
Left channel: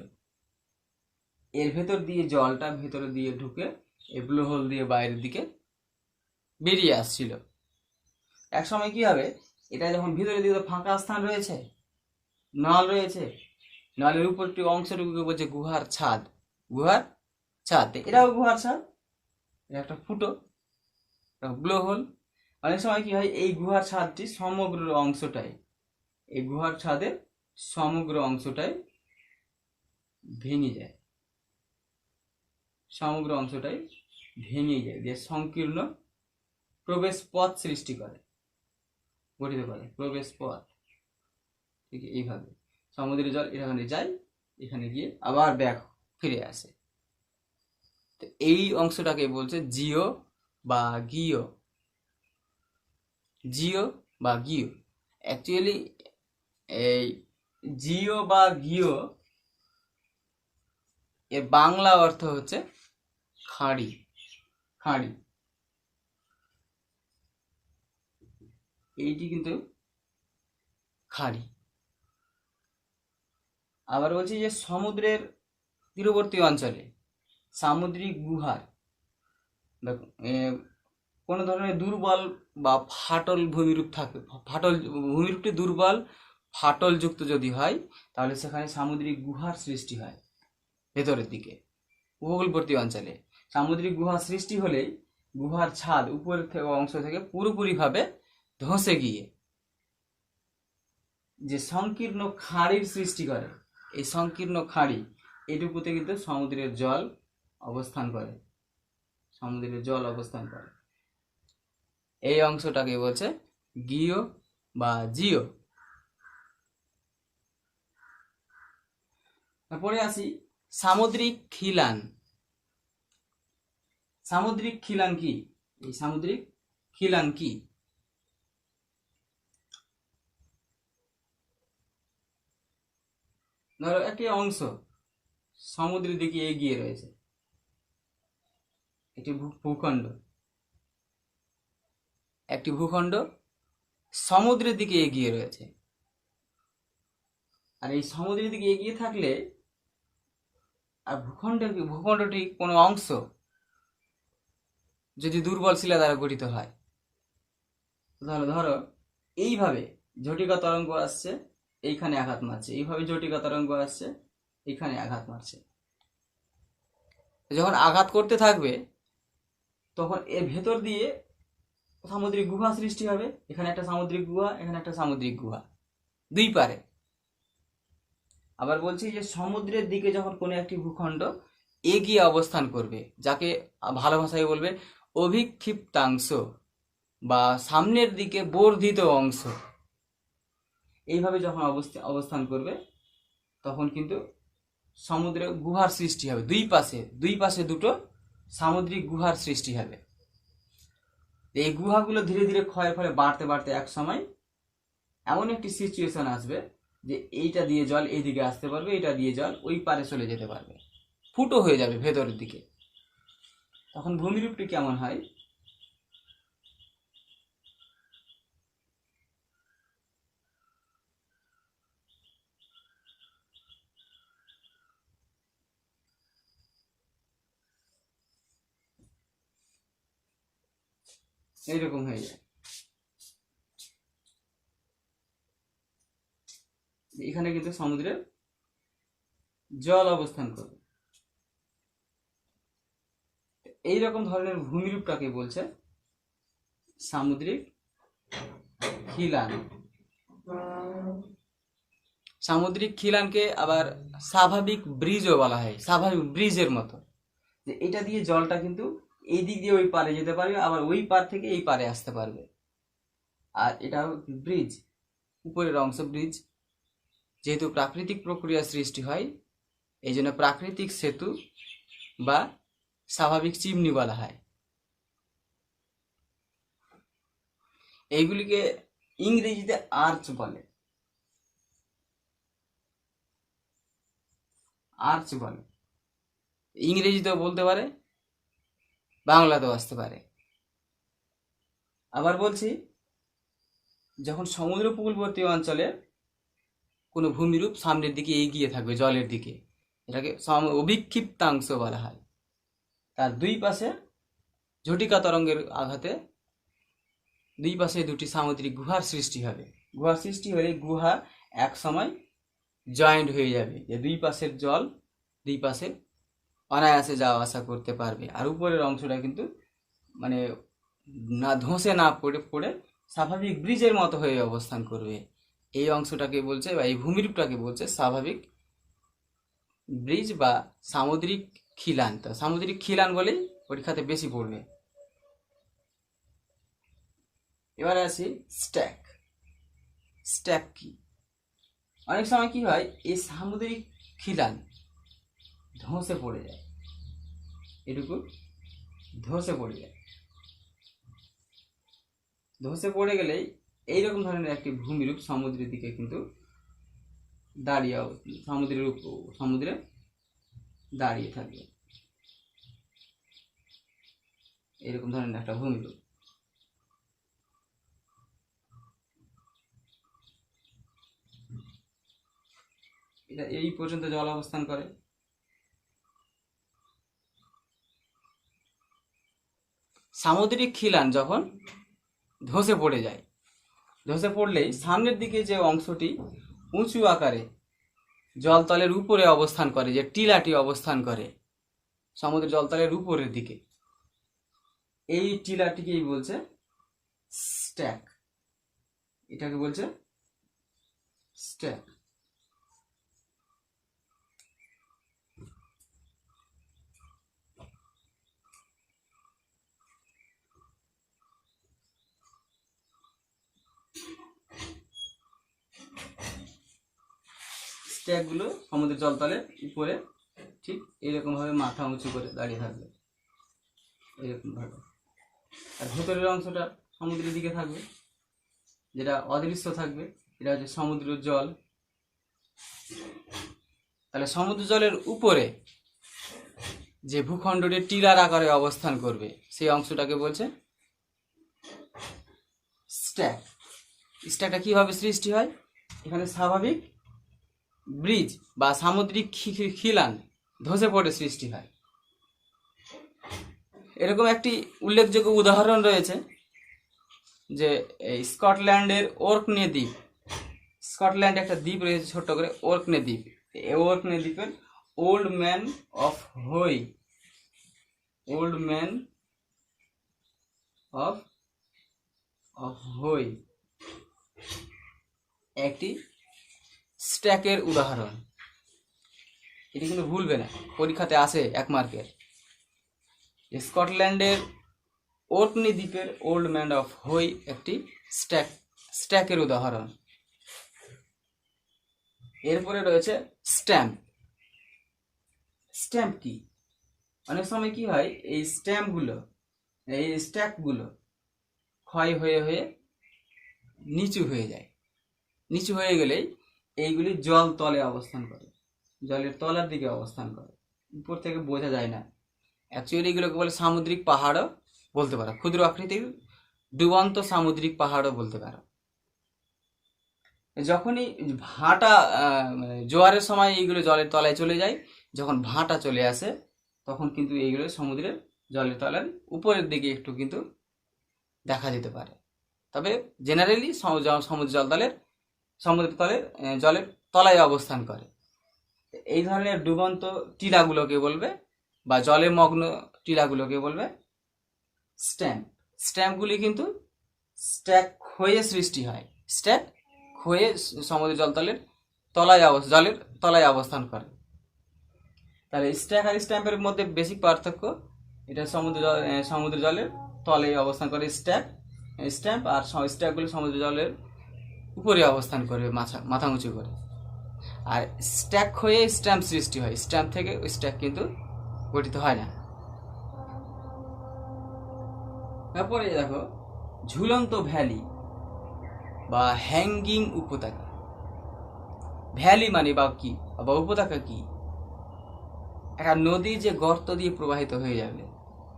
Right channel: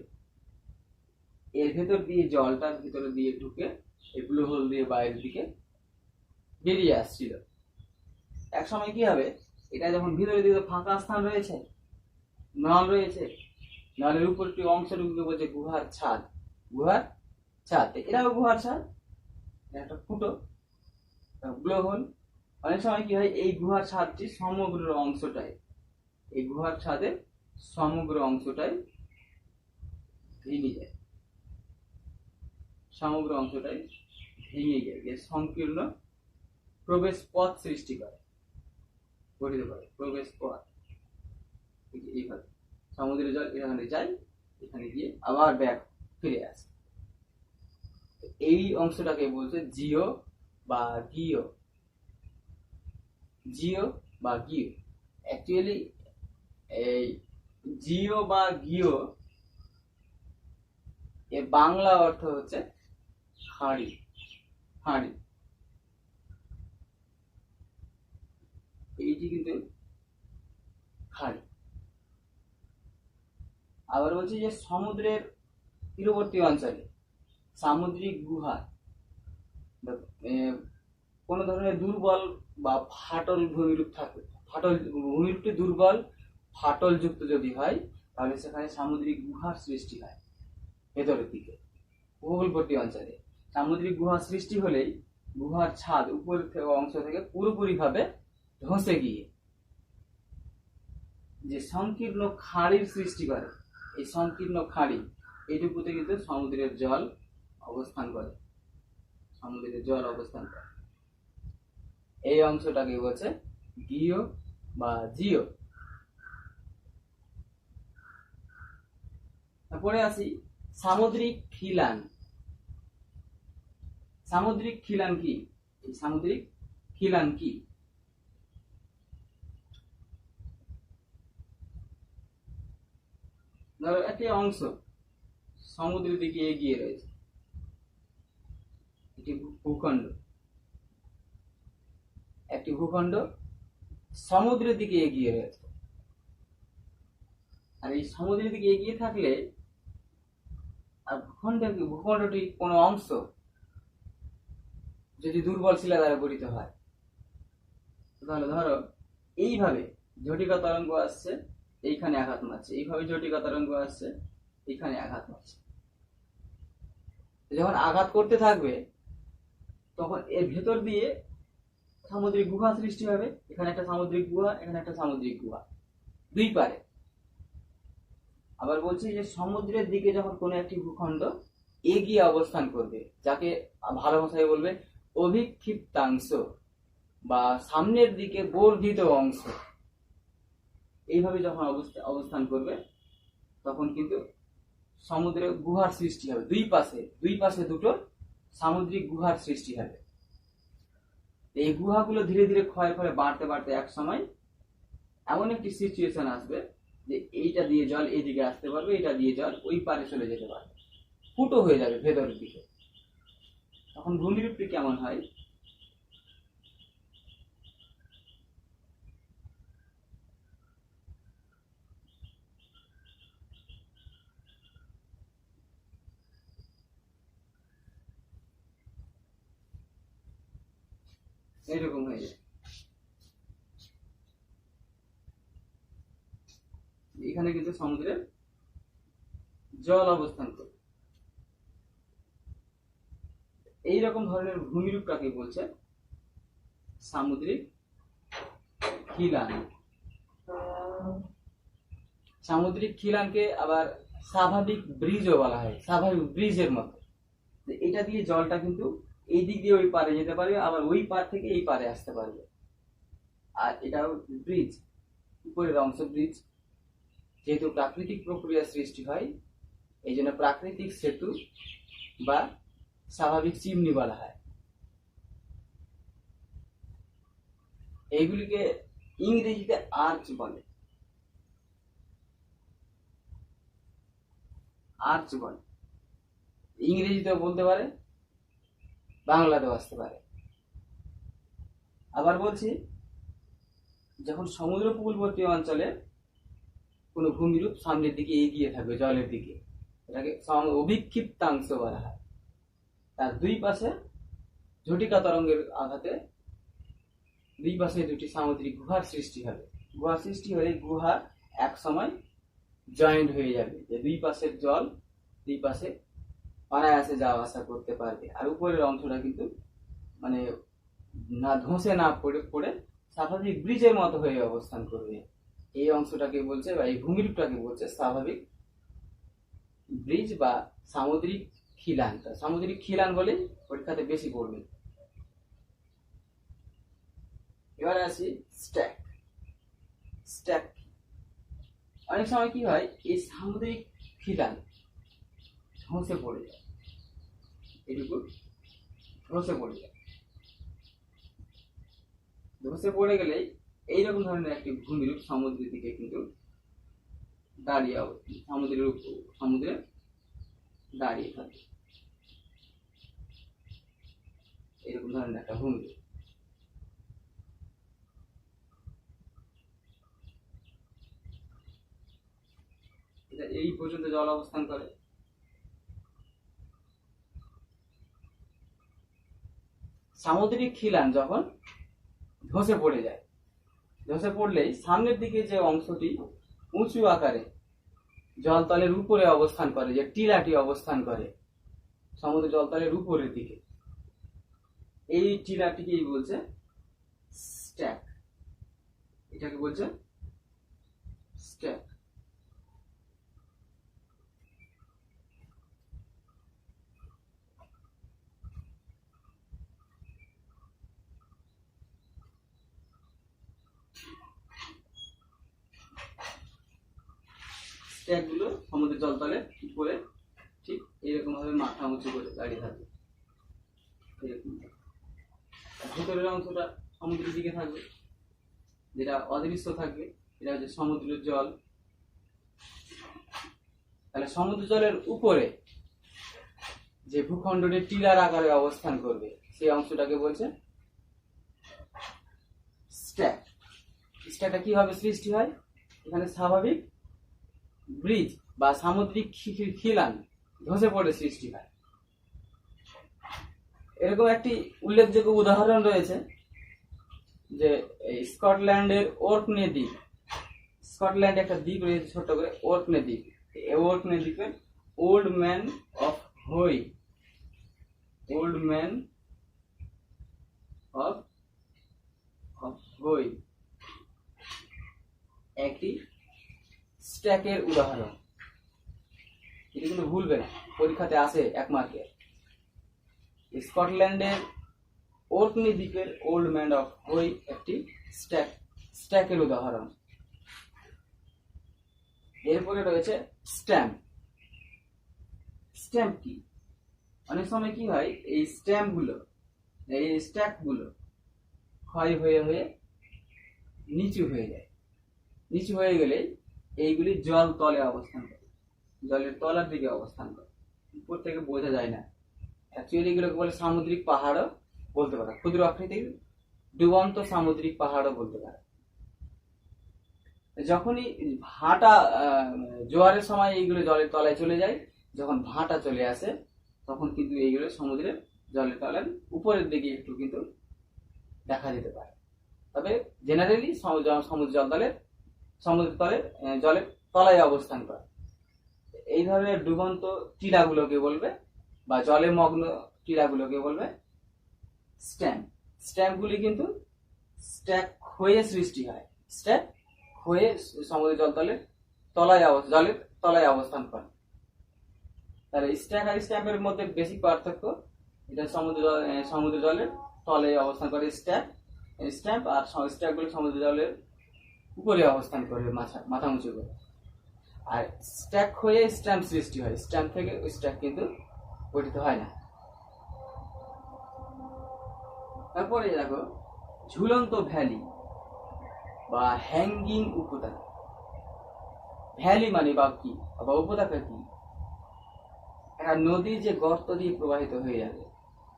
এর ভেতর দিয়ে জলটা ভেতরে দিয়ে ঢুকে এই ব্লো হোল দিয়ে বাইরের দিকে বেরিয়ে আসছিল। এক সময় কি হবে, এটা যখন ভিতরে দিকে ফাঁকা স্থান রয়েছে, নল রয়েছে, নলের উপরটি অংশটুকুকে বলছে গুহার ছাদ। গুহার ছাদ, এটাও গুহার ছাদ, এটা একটা ফুটো, ব্লো হোল। অনেক সময় কি হয়, এই গুহার ছাদটি সমগ্র অংশটাই, এই গুহার ছাদের সমগ্র অংশটাই ভেঙে যায়, সমগ্র অংশটাই ভেঙে যায়, যে সংকীর্ণ প্রবেশ পথ সৃষ্টি করে, গঠিত করে প্রবেশ পথ। ঠিক এইভাবে সমুদ্রের জল এখানে যায়, এখানে গিয়ে আবার ব্যাক ফিরে আসে। তো এই অংশটাকে বলছে জিও বা গিও। জিও বা গিও, অ্যাকচুয়ালি এই জিও বা গিও এর বাংলা অর্থ হচ্ছে খাঁড়ি। খাঁড়ি, এইটি কিন্তু খাঁড়ি। আবার বলছি যে সমুদ্রের তীরবর্তী অঞ্চলে সামুদ্রিক গুহার কোনো ধরনের দুর্বল বা ফাটল ভূমিরূপ থাকে, ফাটল ভূমিরূপটি দুর্বল ফাটলযুক্ত যদি হয়, তাহলে সেখানে সামুদ্রিক গুহার সৃষ্টি হয়। ভেতরের দিকে উপকূলবর্তী অঞ্চলে সামুদ্রিক গুহা সৃষ্টি হলেই গুহার ছাদ উপরের অংশ থেকে পুরোপুরিভাবে ধসে গিয়ে যে সংকীর্ণ খাঁড়ির সৃষ্টি করে, এই সংকীর্ণ খাঁড়ি এটুকুতে কিন্তু সমুদ্রের জল অবস্থান করে, সমুদ্রের জল অবস্থান করে। এই অংশটাকে বলছে গিও বা জিও। তারপরে আসি সামুদ্রিক খিলান। সামুদ্রিক খিলান কি? এই সামুদ্রিক খিলান কি? ধরো একটি অংশ সমুদ্রের দিকে এগিয়ে রয়েছে, একটি ভূখণ্ড, একটি ভূখণ্ড সমুদ্রের দিকে এগিয়ে রয়েছে। আর এই সমুদ্রের দিকে এগিয়ে থাকলে আর ভূখণ্ডটি কোনো অংশ যদি দুর্বল শিলা দ্বারা গঠিত হয়, তাহলে ধরো এইভাবে ঝটিকা তরঙ্গ আসছে, এইখানে আঘাত মারছে, এইভাবে ঝটিকা তরঙ্গ আসছে, এইখানে আঘাত মারছে। যখন আঘাত করতে থাকবে তখন এর ভেতর দিয়ে সামুদ্রিক গুহা সৃষ্টি হবে। এখানে একটা সামুদ্রিক গুহা, এখানে একটা সামুদ্রিক গুহা, দুই পারে। আবার বলছি যে সমুদ্রের দিকে যখন কোনো একটি ভূখণ্ড এগিয়ে অবস্থান করবে, যাকে ভালো ভাষায় বলবে অভিক্ষিপ্তাংশ বা সামনের দিকে বর্ধিত অংশ, এইভাবে যখন অবস্থান করবে তখন কিন্তু সমুদ্রে গুহার সৃষ্টি হবে। দুই পাশে দুটো সামুদ্রিক গুহার সৃষ্টি হবে। এই গুহাগুলো ধীরে ধীরে ক্ষয়ের ফলে বাড়তে বাড়তে এক সময় এমন একটি সিচুয়েশন আসবে যে এইটা দিয়ে জল এইদিকে আসতে পারবে, এইটা দিয়ে জল ওই পারে চলে যেতে পারবে, ফুটো হয়ে যাবে ভেতরের দিকে। তখন ভূমিরূপটি কেমন হয়? এইরকম হয়ে যায়। এখানে কিন্তু সমুদ্রের জল অবস্থান করবে। এইরকম ধরনের ভূমিরূপটাকে বলছে সামুদ্রিক খিলান। সামুদ্রিক খিলানকে আবার স্বাভাবিক ব্রিজও বলা হয়, স্বাভাবিক ব্রিজের মতো, যে এটা দিয়ে জলটা কিন্তু এই দিক দিয়ে ওই পারে যেতে পারবে, আবার ওই পার থেকে এই পারে আসতে পারবে। আর এটাও ব্রিজ, উপরের অংশ ব্রিজ। যেহেতু প্রাকৃতিক প্রক্রিয়া সৃষ্টি হয়, এই জন্য প্রাকৃতিক সেতু বা স্বাভাবিক চিমনি বলা হয়। এইগুলিকে ইংরেজিতে আর্চ বলে, আর্চ বলে। ইংরেজিতেও বলতে পারে, বাংলাতেও আসতে পারে। আবার বলছি, যখন সমুদ্র উপকূলবর্তী অঞ্চলে কোনো ভূমিরূপ সামনের দিকে এগিয়ে থাকবে জলের দিকে, এটাকে অবিক্ষিপ্তাংশ বলা হয়। তার দুই পাশে ঝটিকা তরঙ্গের আঘাতে দুই পাশে দুটি সামুদ্রিক গুহার সৃষ্টি হবে। গুহার সৃষ্টি হলে গুহা এক সময় জয়েন্ট হয়ে যাবে, যে দুই পাশের জল দুই পাশে অনায়াসে যাওয়া আসা করতে পারবে। আর উপরের অংশটা কিন্তু মানে না ধসে না পড়ে পড়ে স্বাভাবিক ব্রিজের মতো হয়ে অবস্থান করবে। এই অংশটাকে বলছে, বা এই ভূমিরূপটাকে বলছে স্বাভাবিক ব্রিজ বা সামুদ্রিক খিলান। তো সামুদ্রিক খিলান বলেই পরীক্ষাতে বেশি পড়বে। এবারে আসি স্ট্যাক। স্ট্যাক কি? অনেক সময় কি হয়, এই সামুদ্রিক খিলান ধসে পড়ে যায়, এটুকু ধসে পড়ে যায়। ধসে পড়ে গেলেই এইরকম ধরনের একটি ভূমিরূপ সমুদ্রের দিকে কিন্তু দাঁড়িয়ে, সমুদ্রে দাঁড়িয়ে থাকবে, এরকম ধরনের একটা ভূমিরূপ। এটা এই পর্যন্ত জল অবস্থান করে। সামুদ্রিক খিলান যখন ধসে পড়ে যায়, ধসে পড়লেই সামনের দিকে যে অংশটি উঁচু আকারে জলতলের উপরে অবস্থান করে, যে টিলাটি অবস্থান করে সমুদ্রের জলতলের উপরের দিকে, এই টিলাটিকেই বলছে স্ট্যাক। এটাকে বলছে স্ট্যাক। স্ট্যাকগুলো সমুদ্রের জলতলের উপরে ঠিক এরকম ভাবে মাথা উঁচু করে দাঁড়িয়ে থাকবে, এরকম ভাবে। আর ভেতরের অংশটা সমুদ্রের দিকে থাকবে, যেটা অদৃশ্য থাকবে, এটা হচ্ছে সমুদ্রের জল। তাহলে সমুদ্র জলের উপরে যে ভূখণ্ডটি টিলার আকারে অবস্থান করবে, সেই অংশটাকে বলছে স্ট্যাক। স্ট্যাকটা কিভাবে সৃষ্টি হয়? এখানে স্বাভাবিক ব্রিজ বা সামুদ্রিক খিলান ধসে পড়ে সৃষ্টি হয়। এরকম একটি উল্লেখযোগ্য উদাহরণ রয়েছে, যে এই স্কটল্যান্ডের ওর্কনে দ্বীপ। স্কটল্যান্ডে একটা দ্বীপ রয়েছে ছোট্ট করে, ওর্কনে দ্বীপ। এই ওর্কনে দ্বীপের old man of Hoy, old man of Hoy একটি স্ট্যাকের উদাহরণ। এটি কিন্তু ভুলবে না, পরীক্ষাতে আসে 1 মার্কের। স্কটল্যান্ডের ওর্কনি দ্বীপের ওল্ড ম্যান অফ হোই একটি স্ট্যাকের উদাহরণ। এরপরে রয়েছে স্ট্যাম্প। স্ট্যাম্প কি? অনেক সময় কি হয়, এই স্ট্যাম্পগুলো, এই স্ট্যাকগুলো ক্ষয় হয়ে হয়ে নিচু হয়ে যায়। নিচু হয়ে গেলেই এইগুলি জল তলে অবস্থান করে, জলের তলার দিকে অবস্থান করে, উপর থেকে বোঝা যায় না। অ্যাকচুয়ালি এগুলোকে বলে সামুদ্রিক পাহাড়ও বলতে পারো, ক্ষুদ্র আকৃতির ডুবন্ত সামুদ্রিক পাহাড়ও বলতে পারো। যখনই ভাটা, মানে জোয়ারের সময় এইগুলো জলের তলায় চলে যায়, যখন ভাটা চলে আসে তখন কিন্তু এইগুলো সমুদ্রের জলের তলার উপরের দিকে একটু কিন্তু দেখা যেতে পারে। তবে জেনারেলি সমুদ্র তলের জলের তলায় অবস্থান করে। এই ধরনের ডুবন্ত টিলাগুলোকে বলবে, বা জলে মগ্ন টিলাগুলোকে বলবে স্ট্যাম্প। স্ট্যাম্পগুলি কিন্তু স্ট্যাক হয়ে সৃষ্টি হয়, স্ট্যাক হয়ে সমুদ্র জলের তলায় অবস্থান করে। তাহলে স্ট্যাক আর স্ট্যাম্পের মধ্যে বেসিক পার্থক্য, এটা সমুদ্র জলের তলে অবস্থান করে স্ট্যাম্প, আর স্ট্যাকগুলো সমুদ্র জলের উপরে অবস্থান করবে মাথা উঁচু করে। আর স্ট্যাক হয়ে স্ট্যাম্প সৃষ্টি হয়, স্ট্যাম্প থেকে ওই স্ট্যাক কিন্তু গঠিত হয় না। তারপরে দেখো ঝুলন্ত ভ্যালি বা হ্যাঙ্গিং উপত্যকা। ভ্যালি মানে বা কি বা উপত্যকা কি? একটা নদী যে গর্ত দিয়ে প্রবাহিত হয়ে যাবে,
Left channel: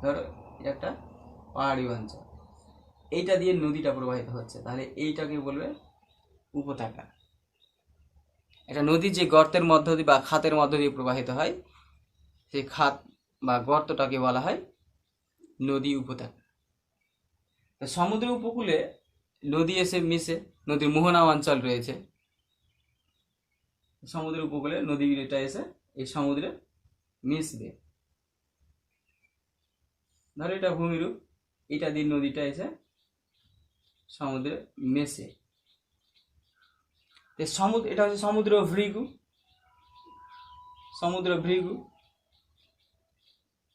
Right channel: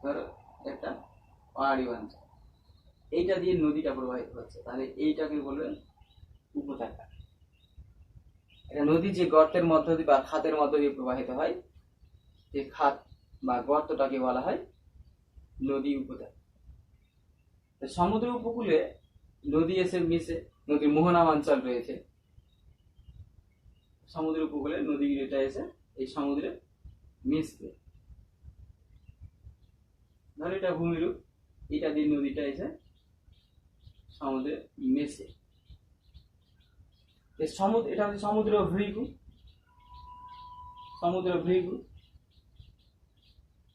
ধরো একটা পাহাড়ি অঞ্চল, এইটা দিয়ে নদীটা প্রবাহিত হচ্ছে, তাহলে এইটাকে বলবে উপত্যকা। একটা নদী যে গর্তের মধ্য দিয়ে বা খাতের মধ্য দিয়ে প্রবাহিত হয়, সেই খাত বা গর্তটাকে বলা হয় নদী উপত্যকা। সমুদ্র উপকূলে নদী এসে মিশে, নদীর মোহনা অঞ্চল রয়েছে, সমুদ্র উপকূলে নদীটা এসে এই সমুদ্রে মিশবে। ধরো এটা ভূমিরূপ, এটা দিয়ে নদীটা এসে সমুদ্রে মেশে। সমুদ্র, এটা হচ্ছে সমুদ্র ভৃগু, সমুদ্র ভৃগু।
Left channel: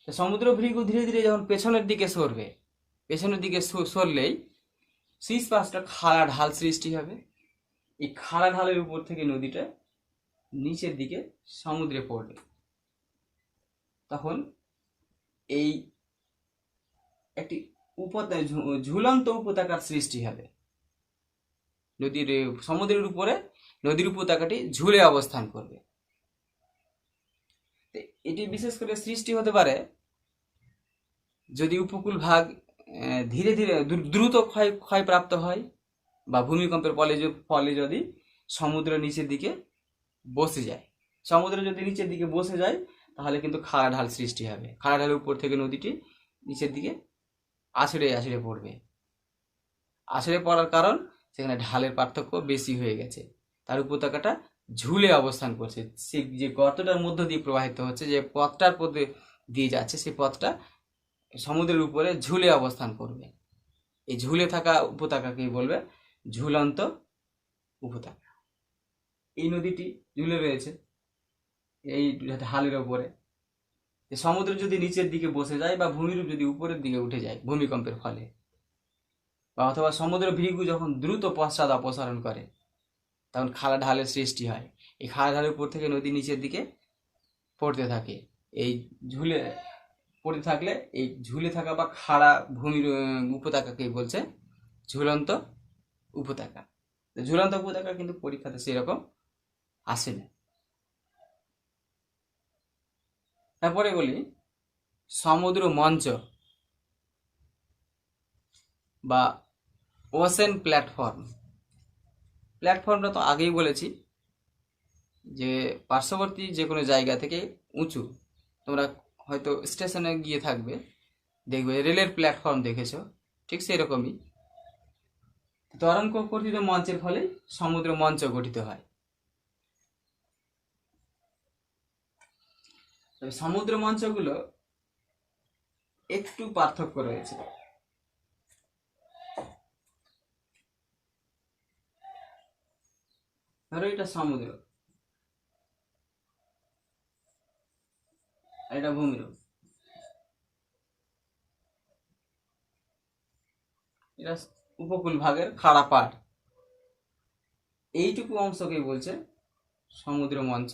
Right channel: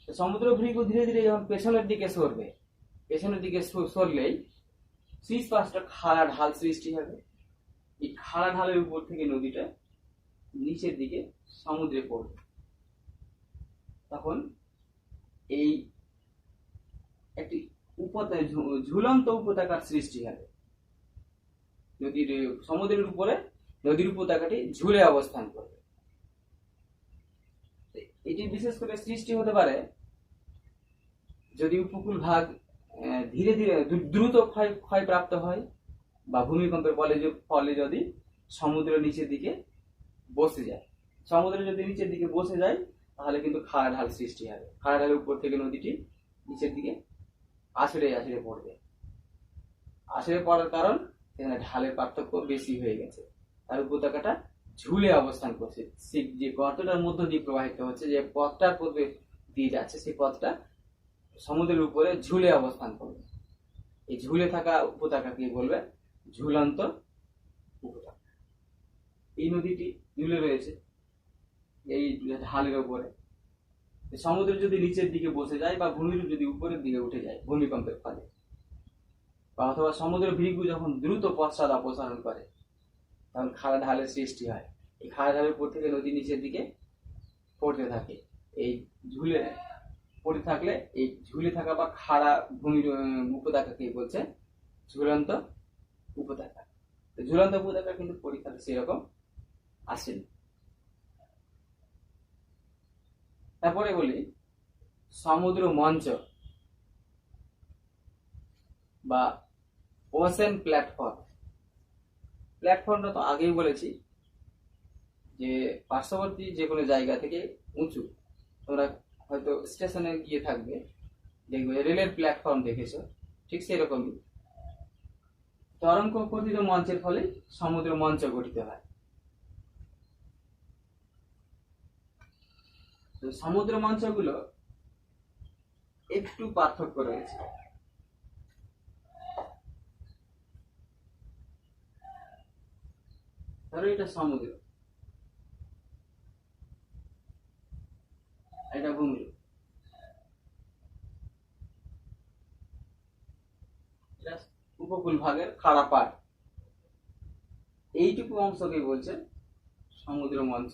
সমুদ্র ভৃগু ধীরে ধীরে যখন পেছনের দিকে সরবে, পেছনের দিকে সরলেই শীষ পাশটা খাড়া ঢাল সৃষ্টি হবে। এই খাড়া ঢালের উপর থেকে নদীটা নিচের দিকে সমুদ্রে পড়বে, তখন এই একটি ঝুলন্ত উপত্যকার সৃষ্টি হবে। নদীর সমুদ্রের উপরে নদীর উপত্যকাটি ঝুলে অবস্থান করবে। এটি বিশেষ করে সৃষ্টি হতে পারে যদি উপকূল ভাগ ধীরে ধীরে দ্রুত ক্ষয়প্রাপ্ত হয়, বা ভূমিকম্পের ফলে যদি সমুদ্র নিচের দিকে বসে যায়। সমুদ্র যদি নিচের দিকে বসে যায় তাহলে কিন্তু খাড়া ঢাল সৃষ্টি হবে। খাড়া ঢালের উপর থেকে নদীটি নিচের দিকে আছড়ে আছড়ে পড়বে। আছড়ে পড়ার কারণ সেখানে ঢালের পার্থক্য বেশি হয়ে গেছে, তার উপত্যকাটা ঝুলে অবস্থান করছে। সে যে গর্তটার মধ্য দিয়ে প্রবাহিত হচ্ছে, যে পথটার পথে দিয়ে যাচ্ছে, সেই পথটা সমুদ্রের উপরে ঝুলে অবস্থান করবে। এই ঝুলে থাকা উপত্যকাকে বলবে ঝুলন্ত উপত্যকা। এই নদীটি ঝুলে রয়েছে এই ঢালের উপরে। সমুদ্র যদি নিচের দিকে বসে যায় বা ভূমিরূপ যদি উপরের দিকে উঠে যায় ভূমিকম্পের ফলে, বা অথবা সমুদ্র ভৃগু যখন দ্রুত পশ্চাৎ অপসারণ করে, তখন খাড়া ঢালের সৃষ্টি হয়। এই খাড়া ঢালের উপর থেকে নদী নিচের দিকে পড়তে থাকে। এই ঝুলে পড়ে থাকলে এই ঝুলে থাকা বা খাড়া ভূমির উপত্যকাকেই বলছে ঝুলন্ত উপত্যকা। ঝুলন্ত উপত্যকা কিন্তু পরীক্ষাতে সেরকম আসে না। তারপরে বলি সমুদ্র মঞ্চ বা ওশেন প্ল্যাটফর্ম। প্ল্যাটফর্মটা তো আগেই বলেছি যে পার্শ্ববর্তী যে কোনো জায়গা থেকে উঁচু, তোমরা হয়তো স্টেশনে গিয়ে থাকবে, দেখবে রেলের প্ল্যাটফর্ম দেখেছো, ঠিক সেরকমই তরঙ্গ গঠিত মঞ্চের ফলে সমুদ্র মঞ্চ গঠিত হয়। সমুদ্র মঞ্চগুলো একটু পার্থক্য রয়েছে। ধরো এটা সমুদ্র, এটা ভূমিরূপ, এটা উপকূল ভাগের খাড়া পাড়। এইটুকু অংশকে বলছে সমুদ্র মঞ্চ।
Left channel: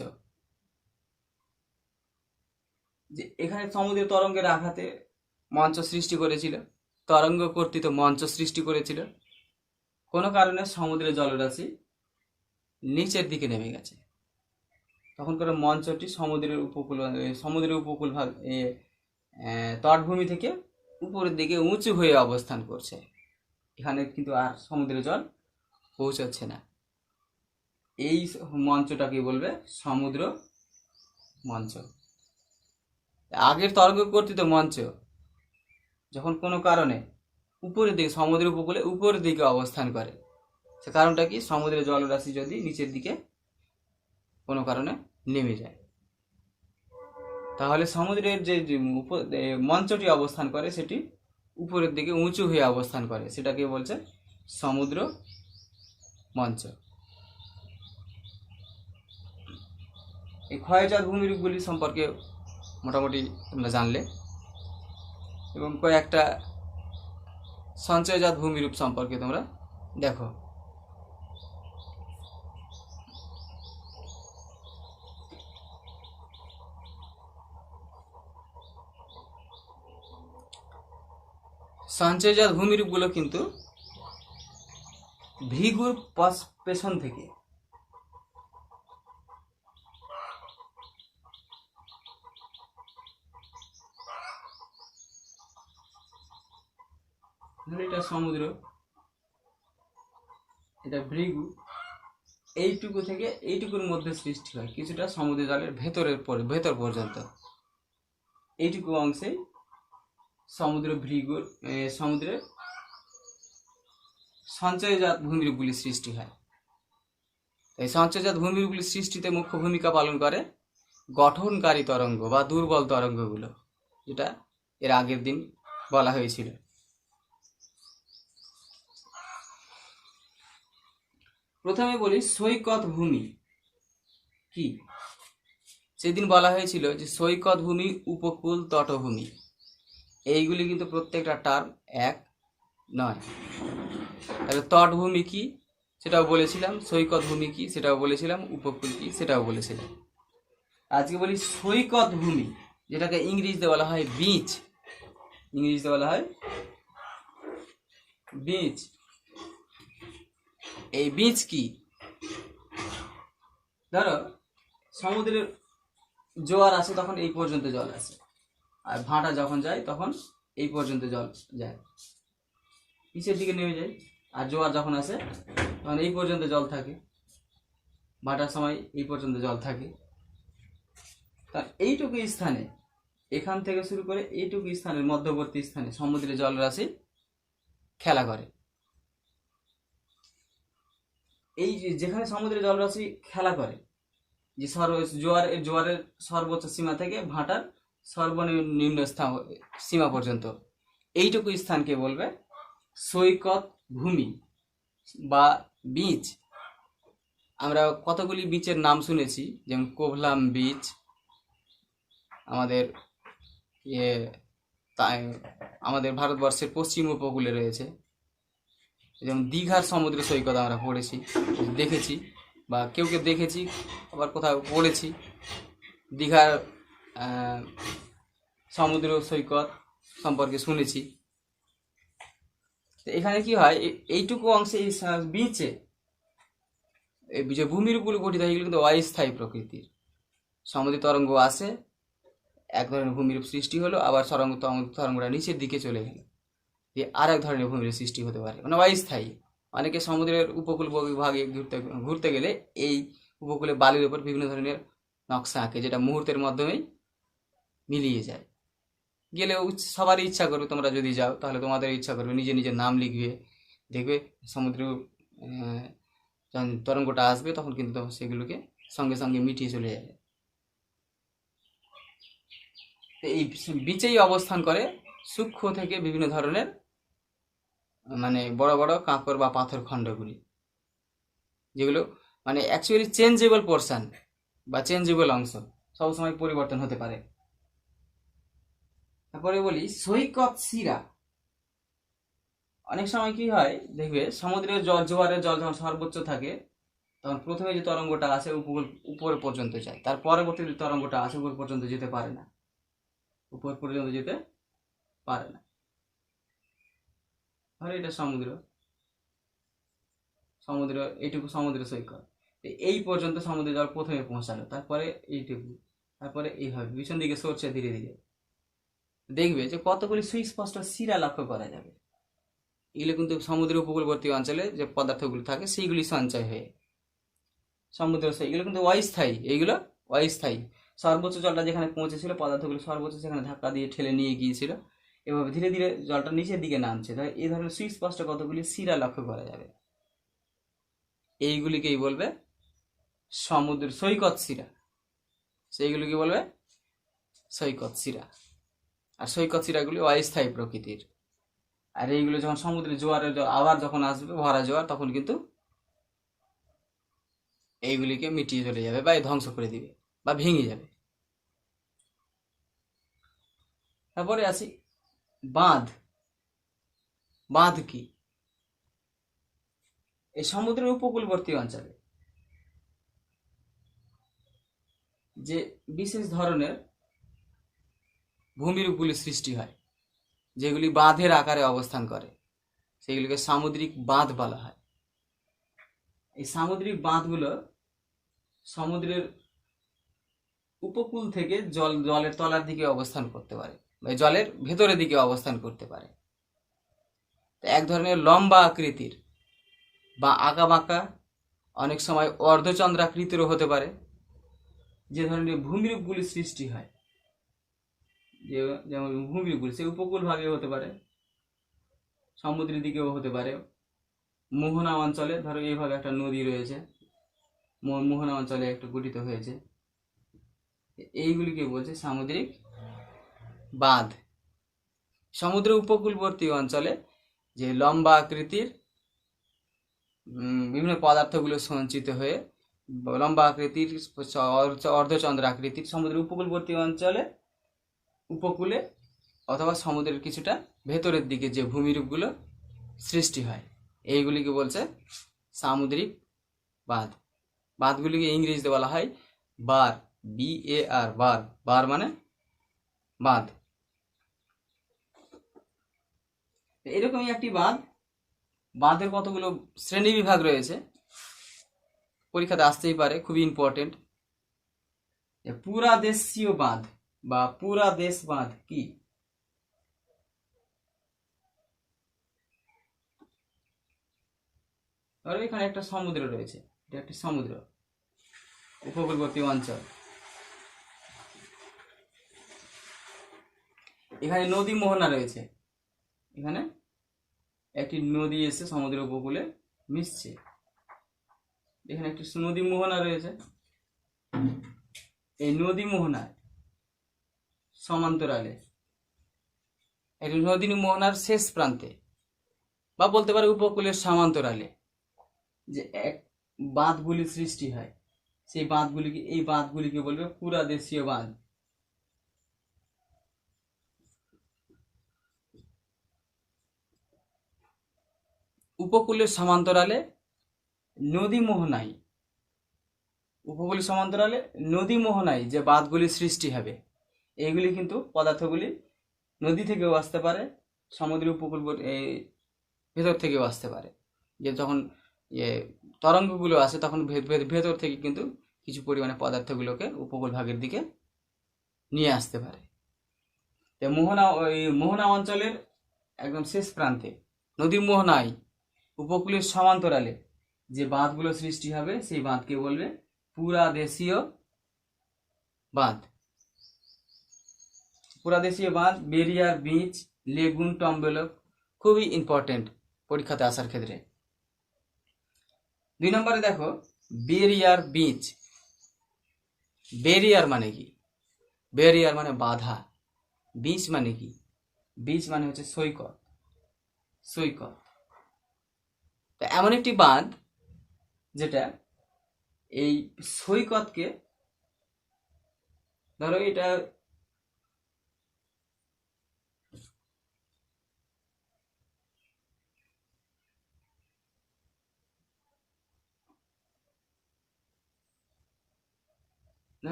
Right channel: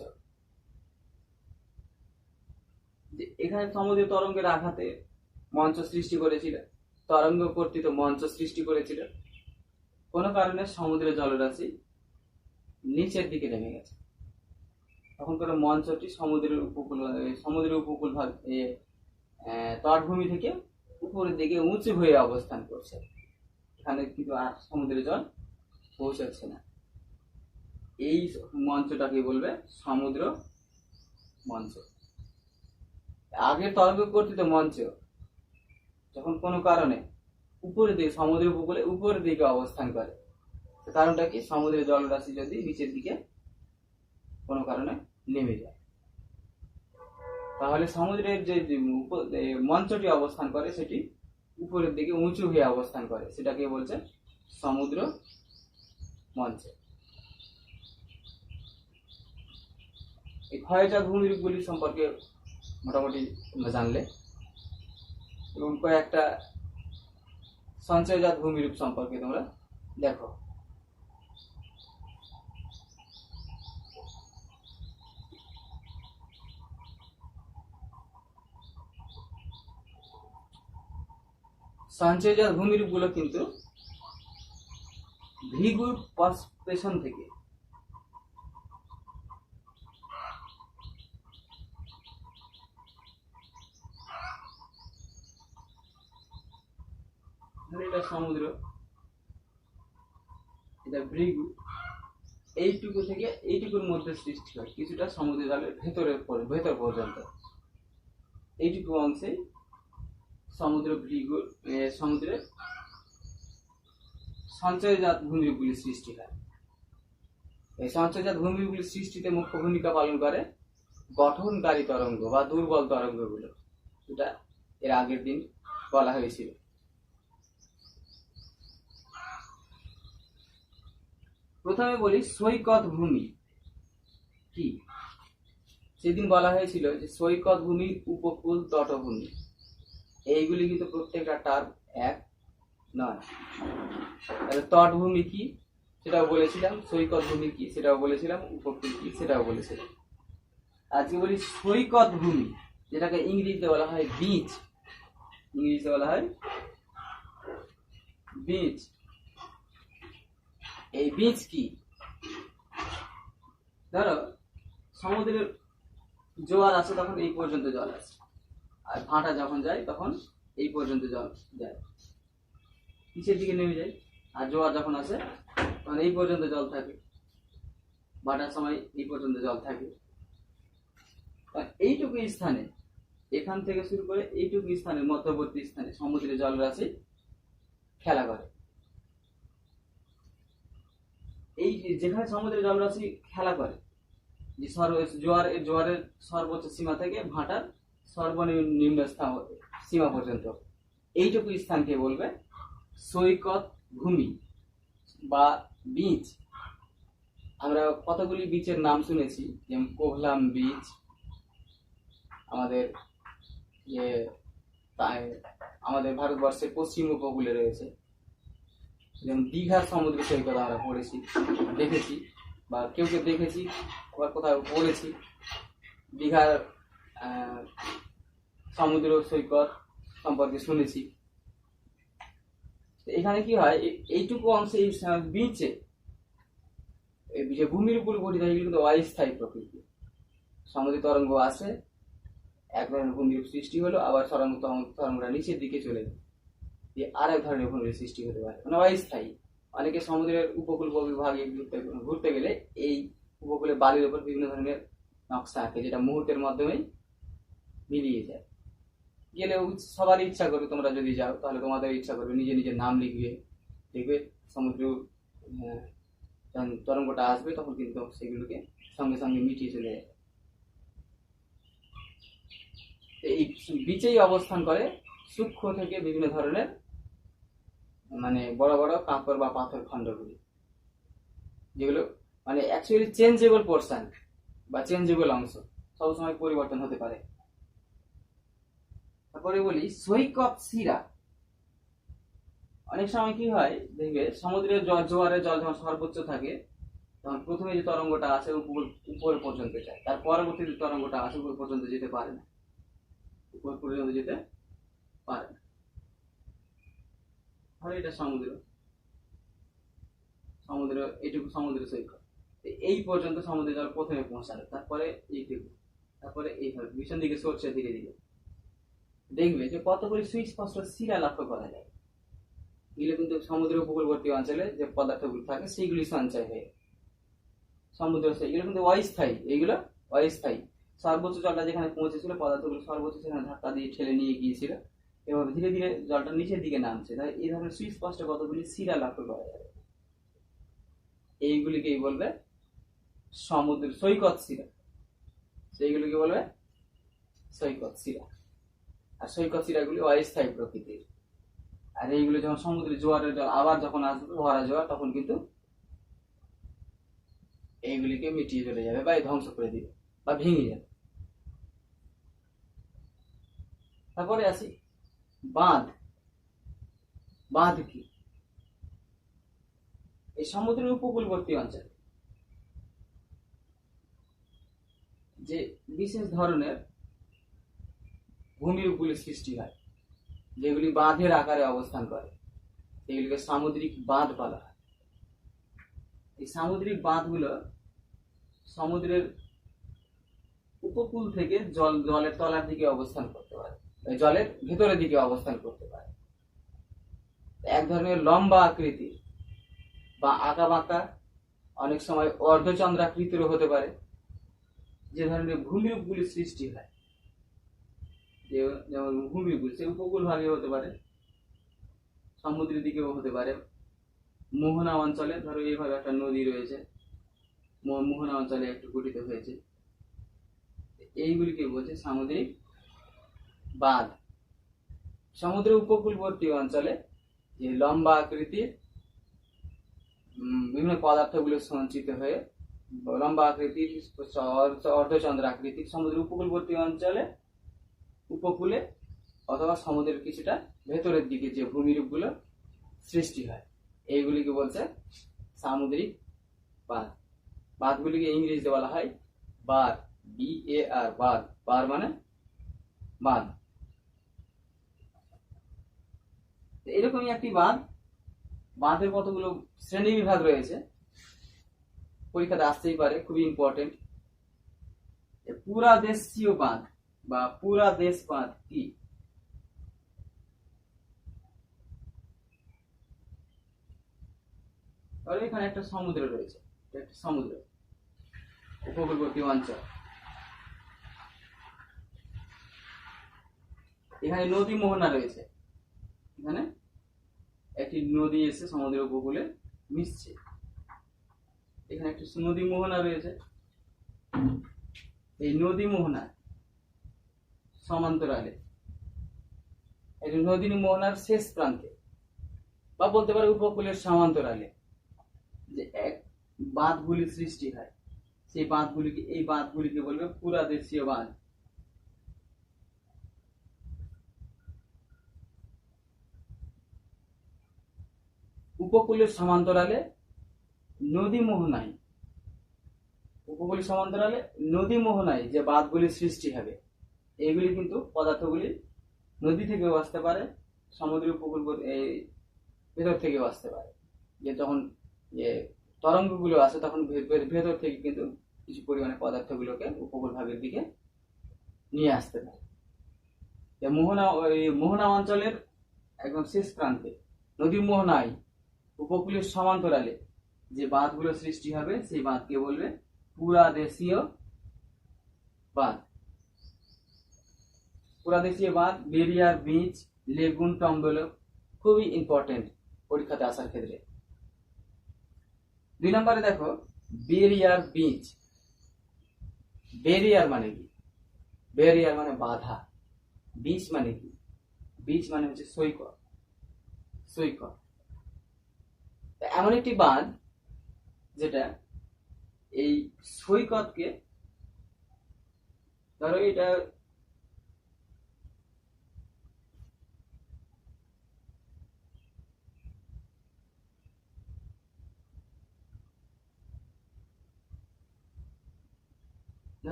যে এখানে সমুদ্রের তরঙ্গের আঘাতে মঞ্চ সৃষ্টি করেছিল, তরঙ্গ কর্তৃত মঞ্চ সৃষ্টি করেছিল। কোনো কারণে সমুদ্রের জলরাশি নিচের দিকে নেমে গেছে, তখন করে মঞ্চটি সমুদ্রের উপকূল ভাগ তটভূমি থেকে উপরের দিকে উঁচু হয়ে অবস্থান করছে। এখানে কিন্তু আর সমুদ্রের জল পৌঁছাচ্ছে না। এই মঞ্চটাকে বলবে সমুদ্র মঞ্চ। আগের তরঙ্গ কর্তৃত মঞ্চ যখন কোনো কারণে উপরের দিকে, সমুদ্রের উপকূলে উপরের দিকে অবস্থান করে, সে কারণটা কি, সমুদ্রের জলরাশি যদি নিচের দিকে কোনো কারণে নেমে যায়, তাহলে সমুদ্রের যে মঞ্চটি অবস্থান করে সেটি উপরের দিকে উঁচু হয়ে অবস্থান করে, সেটাকে বলছে সমুদ্র মঞ্চ। এই ক্ষয়জাত ভূমিরূপগুলি সম্পর্কে মোটামুটি তোমরা জানলে, এবং কয়েকটা সঞ্চয়জাত ভূমিরূপ সম্পর্কে তোমরা দেখো। সঞ্চয়জাত ভূমিরূপগুলো কিন্তু ভৃগুর পেছন থেকে এটা সমুদ্র, এটা ভৃগু, এইটুকু থেকে এইটুকুর মধ্যে সৃষ্টি হয়, কিছুটা সমুদ্র জলের ভেতর পর্যন্ত এইটুকু অংশে সমুদ্রের সঞ্চয়জাত ভূমিরূপগুলি সৃষ্টি হয়। এই সঞ্চয়জাত ভূমিরূপগুলি সৃষ্টিতে মুখ্য ভূমিকা পালন করে গঠনকারী তরঙ্গ বা দুর্বল তরঙ্গগুলো, যেটা এর আগের দিন বলা হয়েছিল। প্রথমে বলি সৈকত ভূমি কি। সেদিন বলা হয়েছিল যে সৈকত ভূমি, উপকূল, তটভূমি, এইগুলি কিন্তু প্রত্যেকটা টার্ম এক নয়। তাহলে তটভূমি কি সেটাও বলেছিলাম, সৈকত ভূমি কি সেটাও বলেছিলাম, উপকূল কি সেটাও বলেছিলাম। আজকে বলি সৈকত ভূমি, যেটাকে ইংরেজিতে বলা হয় বিচ। ইংরেজিতে বলা হয় বিচ। এই বিচ কি? ধরো সমুদ্রের জোয়ার আসে তখন এই পর্যন্ত জল আসে, আর ভাটা যখন যায় তখন এই পর্যন্ত জল যায়, নিচের দিকে নেমে যায়। আর জোয়ার যখন আসে তখন এই পর্যন্ত জল থাকে, ভাটার সময় এই পর্যন্ত জল থাকে। তা এইটুকু স্থানে, এখান থেকে শুরু করে এইটুকু স্থানের মধ্যবর্তী স্থানে সমুদ্রের জলরাশি খেলা করে। এই যেখানে সমুদ্রের জলরাশি খেলা করে, যে জোয়ারের সর্বোচ্চ সীমা থেকে ভাটার সর্বনিম্ন সীমা পর্যন্ত, এইটুকু স্থানকে বলবে সৈকত ভূমি বা বিচ। আমরা কতগুলি বিচের নাম শুনেছি, যেমন কোভলাম বিচ, আমাদের ভারতবর্ষের পশ্চিম উপকূলে রয়েছে। যেমন দীঘার সমুদ্র সৈকত আমরা পড়েছি, দেখেছি, বা কেউ দেখেছি, আবার কোথাও পড়েছি। দীঘার সমুদ্র সৈকত সম্পর্কে শুনেছি। এখানে কি হয়, এইটুকু অংশে এই বিচে এই যে ভূমিরূপগুলো গঠিত হয়, এগুলো কিন্তু অস্থায়ী প্রকৃতির। সমুদ্রের তরঙ্গ আসে, এক ধরনের ভূমিরূপ সৃষ্টি হলো, আবার তরঙ্গটা নিচের দিকে চলে গেল, আর এক ধরনের ভূমিরূপ সৃষ্টি হতে পারে, মানে অস্থায়ী। অনেকে সমুদ্রের উপকূল ভাগে ঘুরতে গেলে এই উপকূলে বালির উপর বিভিন্ন ধরনের নকশা আঁকে, যেটা মুহূর্তের মাধ্যমেই মিলিয়ে যায়। গেলেও সবারই ইচ্ছা করবে, তোমরা যদি যাও তাহলে তোমাদের ইচ্ছা করবে নিজের নাম লিখবে, দেখবে সমুদ্র যখন তরঙ্গটা আসবে তখন কিন্তু সেগুলোকে সঙ্গে সঙ্গে মিটিয়ে চলে যাবে। এই বিচেই অবস্থান করে সূক্ষ্ম থেকে বিভিন্ন ধরনের মানে বড় বড় কাঁকর বা পাথর খণ্ডগুলি, যেগুলো মানে অ্যাকচুয়ালি চেঞ্জেবল পোর্শন বা চেঞ্জেবল অংশ, সবসময় পরিবর্তন হতে পারে। তারপরে বলি সৈকত শিরা। অনেক সময় কি হয়, দেখবে সমুদ্রের জোয়ারের জল যখন সর্বোচ্চ থাকে তখন প্রথমে যে তরঙ্গটা আসে উপর পর্যন্ত যায়, তার পরবর্তী যে তরঙ্গটা আসে উপর পর্যন্ত যেতে পারে না, উপর পর্যন্ত যেতে পারে না। আর এটা সমুদ্র এইটুকু সমুদ্র সৈকত, এই পর্যন্ত সমুদ্রের জল প্রথমে পৌঁছালো, তারপরে এইটুকু, তারপরে এইভাবে পিছন দিকে সরছে ধীরে ধীরে। দেখবে যে কতগুলি সুস্পষ্ট শিরা লক্ষ্য করা যাবে। এগুলো কিন্তু সমুদ্র উপকূলবর্তী অঞ্চলে যে পদার্থগুলো থাকে সেইগুলি সঞ্চয় হয়ে সমুদ্র, এগুলো কিন্তু অস্থায়ী। এইগুলো অস্থায়ী। সর্বোচ্চ জলটা যেখানে পৌঁছেছিল, পদার্থগুলো সর্বোচ্চ সেখানে ধাক্কা দিয়ে ঠেলে নিয়ে গিয়েছিল, এভাবে ধীরে ধীরে জলটা নিচের দিকে নামছে। তাই এই ধরনের সুস্পষ্ট কতগুলি শিরা লক্ষ্য করা যাবে। এইগুলিকেই বলবে সমুদ্র সৈকত শিরা, সেইগুলিকে বলবে সৈকত শিরা। আর সৈকত শিরাগুলি অস্থায়ী প্রকৃতির। আর এইগুলো যখন সমুদ্রে জোয়ারের জল আবার যখন আসবে, ভরা জোয়ার, তখন কিন্তু এইগুলিকে মিটিয়ে চলে যাবে বা ধ্বংস করে দিবে বা ভেঙে যাবে। তারপরে আসি বাঁধ। বাঁধ কি? এই সমুদ্রের উপকূলবর্তী অঞ্চলে যে বিশেষ ধরনের ভূমিরূপগুলি সৃষ্টি হয়, যেগুলি বাঁধের আকারে অবস্থান করে সেগুলিকে সামুদ্রিক বাঁধ বলা হয়। এই সামুদ্রিক বাঁধগুলো সমুদ্রের উপকূল থেকে জলের তলার দিকে অবস্থান করতে পারে, জলের ভেতরের দিকে অবস্থান করতে পারে। এক ধরনের লম্বা আকৃতির বা আঁকা বাঁকা, অনেক সময় অর্ধচন্দ্রাকৃতিরও হতে পারে, যে ধরনের ভূমিরূপগুলি সৃষ্টি হয়, যেমন ভূমিরূপগুলি সে উপকূল ভাগে হতে পারে, সমুদ্রের দিকেও হতে পারে। মোহনা অঞ্চলে ধরো এইভাবে একটা নদী রয়েছে, মোহনা অঞ্চলে একটু গঠিত হয়েছে, এইগুলিকে বলছে সামুদ্রিক বাঁধ। সমুদ্র উপকূলবর্তী অঞ্চলে যে লম্বা আকৃতির বিভিন্ন পদার্থগুলো সঞ্চিত হয়ে লম্বা আকৃতির অর্ধচন্দ্র আকৃতির সমুদ্র উপকূলবর্তী অঞ্চলে উপকূলে অথবা সমুদ্রের কিছুটা ভেতরের দিকে যে ভূমিরূপগুলো সৃষ্টি হয় এইগুলিকে বলছে সামুদ্রিক বাঁধ। বাঁধগুলিকে ইংরেজিতে বলা হয় বার, BAR, বার। বার মানে বাঁধ। এরকমই একটি বাঁধ, বাঁধের কতগুলো শ্রেণী বিভাগ রয়েছে, পরীক্ষাতে আসতেই পারে, খুবই ইম্পর্টেন্ট। পুরাদেশীয় বাঁধ বা পুরাদেশ বাঁধ কি? আর এখানে একটা সমুদ্র রয়েছে, এটা একটি সমুদ্র উপকূলবর্তী অঞ্চল। এখানে নদী মোহনা রয়েছে, এখানে একটি নদী এসে সমুদ্র উপকূলে মিশছে, এখানে একটি নদী মোহনা রয়েছে। এই নদী মোহনার সমান্তরালে, এই নদী মোহনার শেষ প্রান্তে বা বলতে পারে উপকূলের সমান্তরালে যে এক বাঁধগুলি সৃষ্টি হয়, সেই বাঁধগুলিকে, এই বাঁধগুলিকে বলবে পুরাদেশীয় বাঁধ। উপকূলের সমান্তরালে নদী মোহনায়, উপকূলের সমান্তরালে নদী মোহনায় যে বাঁধগুলি সৃষ্টি হবে, এইগুলি কিন্তু পদার্থগুলি নদী থেকেও আসতে পারে, সমুদ্র উপকূল ভেতর থেকেও আসতে পারে। যে যখন তরঙ্গগুলো আসে তখন ভেতর থেকে কিন্তু কিছু পরিমাণে পদার্থগুলোকে উপকূল ভাগের দিকে নিয়ে আসতে পারে। মোহনা অঞ্চলের একদম শেষ প্রান্তে নদী মোহনায় উপকূলের সমান্তরালে যে বাঁধগুলো সৃষ্টি হবে সেই বাঁধকে বলবে পুরাদেশীয় বাঁধ। পুরাদেশীয় বাঁধ, বেরিয়ার, বিচ, লেগুন, টম্বেলো খুবই ইম্পর্টেন্ট পরীক্ষাতে আসার ক্ষেত্রে। 2 নম্বরে দেখো বেরিয়ার, বিচ। বেরিয়ার মানে কি? বেরিয়ার মানে বাধা। বিচ মানে কি? বিচ মানে হচ্ছে সৈকত, সৈকত। এমন একটি বাঁধ যেটা এই সৈকতকে, ধরো এটা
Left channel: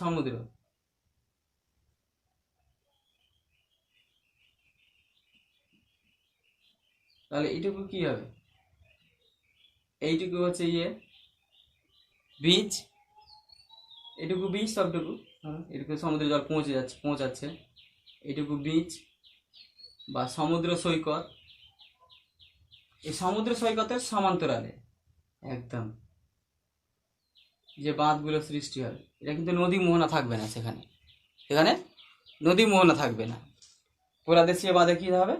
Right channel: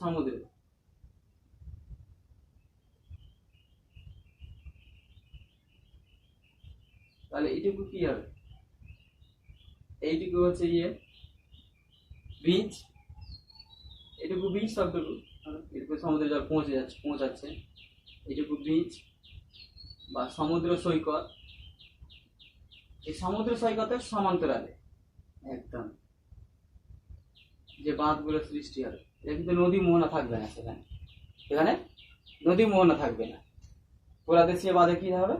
সমুদ্র, তাহলে এইটুকু কি হবে? এইটুকু হচ্ছে বিচ, এটুকু বিচ, সবটুকু এটুকু সমুদ্রে জল পৌঁছাচ্ছে, এটুকু বিচ বা সমুদ্র সৈকত। এই সমুদ্র সৈকতের সমান্তরালে একদম যে বাঁধগুলো সৃষ্টি হবে, এটা কিন্তু নদী মোহনা থাকবে না, সেখানে নদী মোহনা থাকবে না। পুরাদেশীয় বাঁধে কি হবে?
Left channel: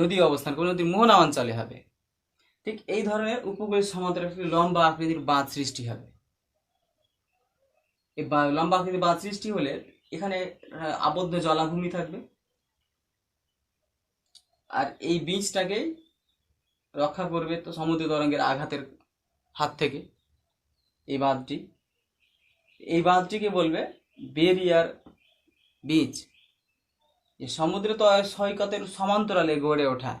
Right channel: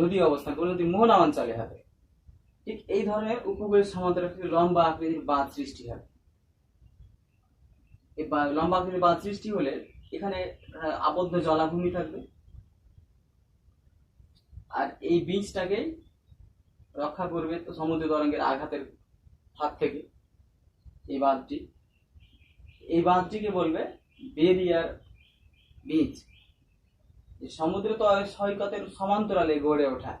নদী অবস্থান করে নদী মোহনা অঞ্চলে হবে। ঠিক এই ধরনের উপকূলের সমান্তরালে লম্বা আকৃতির বাঁধ সৃষ্টি হবে। এই লম্বা আকৃতির বাঁধ সৃষ্টি হলে এখানে আবদ্ধ জলাভূমি থাকবে, আর এই বীজটাকে রক্ষা করবে তো সমুদ্র তরঙ্গের আঘাতের হাত থেকে এই বাঁধটিকে বলবে বেরিয়ার বিচ। এই সমুদ্র সৈকতের সমান্তরালে গড়ে ওঠা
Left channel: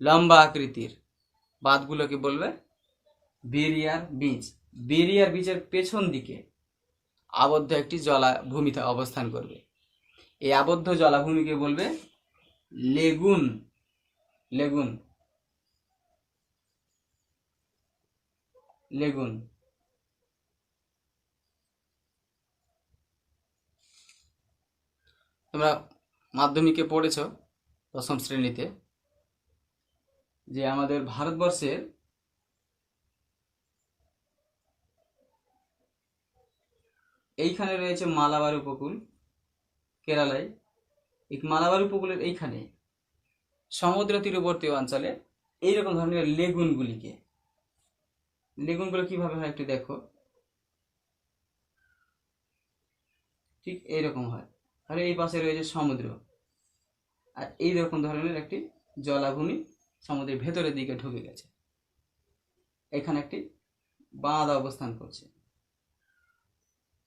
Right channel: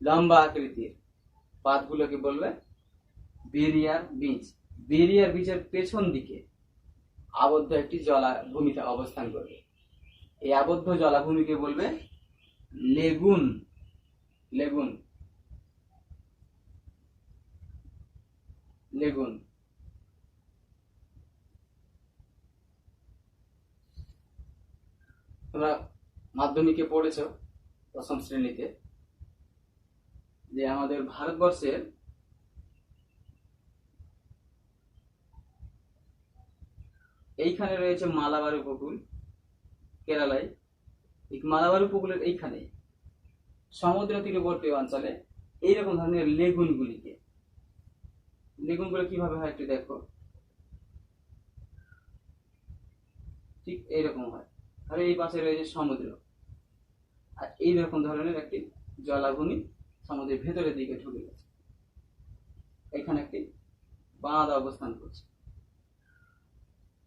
লম্বা আকৃতির বাঁধগুলোকে বলবে বেরিয়ার বিচ। বেরিয়ার বিচের পেছন দিকে আবদ্ধ একটি জলাভূমিতে অবস্থান করবে, এই আবদ্ধ জলাভূমিকে বলবে লেগুন, লেগুন, লেগুন। তোমরা মাধ্যমিকে পড়েছো ১ম শ্রেণীতে যে আমাদের ভারতবর্ষের এইখানে রয়েছে মালাবার উপকূল, কেরালায়। এই মালাবার উপকূলের এইখানে সমুদ্র তীরবর্তী অঞ্চলে এইরকম ধরনের লেগুনগুলো কিভাবে হয় একটু দেখো। ঠিক এইরকম হয়। আর এই পাশে রয়েছে সমুদ্র, আর এইরকম ধরনের একটি জলাভূমি সমুদ্রের ভেতরের দিকে ঢুকে গেছে। এখানে একটি বাঁধ অবস্থান করছে।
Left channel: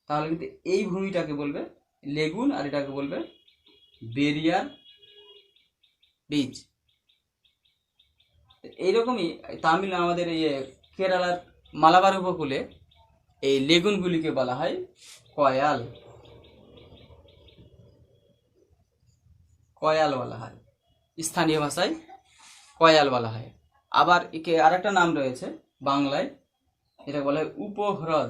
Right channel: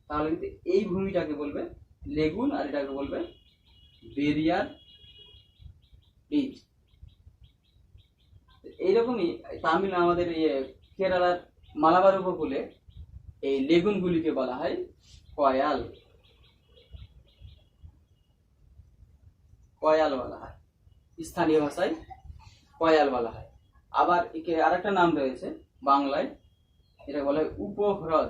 তাহলে কিন্তু এই ভূমিটাকে বলবে লেগুন, আর এটাকে বলবে বেরিয়ার বীজ। এইরকমই আমাদের এই কেরালার মালাবার উপকূলে এই লেগুনগুলিকে বলা হয় কয়াল, কয়াল বলা হয়, স্থানীয় ভাষায় কয়াল বলা হয়। আবার একে আরেকটা নাম রয়েছে বাংলায়, এটা বলা হয় উপহ্রদ।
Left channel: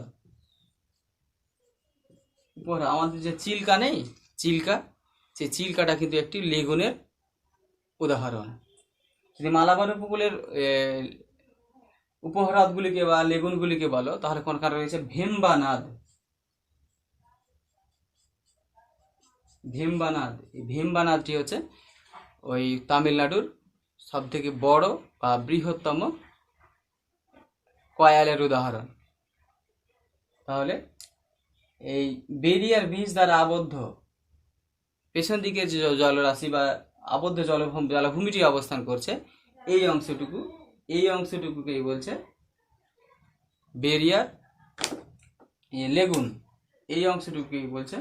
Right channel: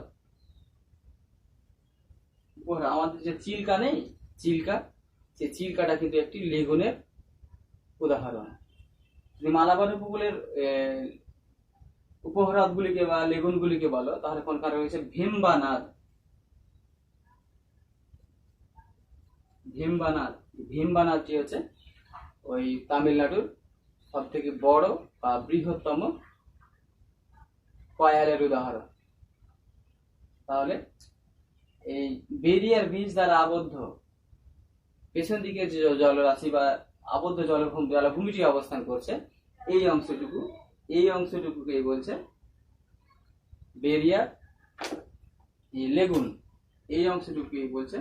উপহ্রদ, আমাদের যে চিল্কা নেই, চিল্কা, সেই চিল্কাটা কিন্তু একটি লেগুনের উদাহরণ। যদি মালাবার উপকূলের উপহ্রদগুলিকে বা লেগুনগুলিকে বলো, তাহলে কোনখানে রয়েছে ভেম্বানাদ। ভেম্বানাদ, এই ভেম্বানাদটি হচ্ছে ওই তামিলনাড়ুর সব থেকে বড় বা বৃহত্তম কয়ালের উদাহরণ। তাহলে এই বেরিয়ার বীজ দ্বারা আবদ্ধ পেছন দিকে যে জলরাশি বা আবদ্ধ জলভূমিটি অবস্থান করছে, এই অংশটুকুকেই বলছে বেরিয়ার লেগুন। এই অংশটুকুকেই বলছে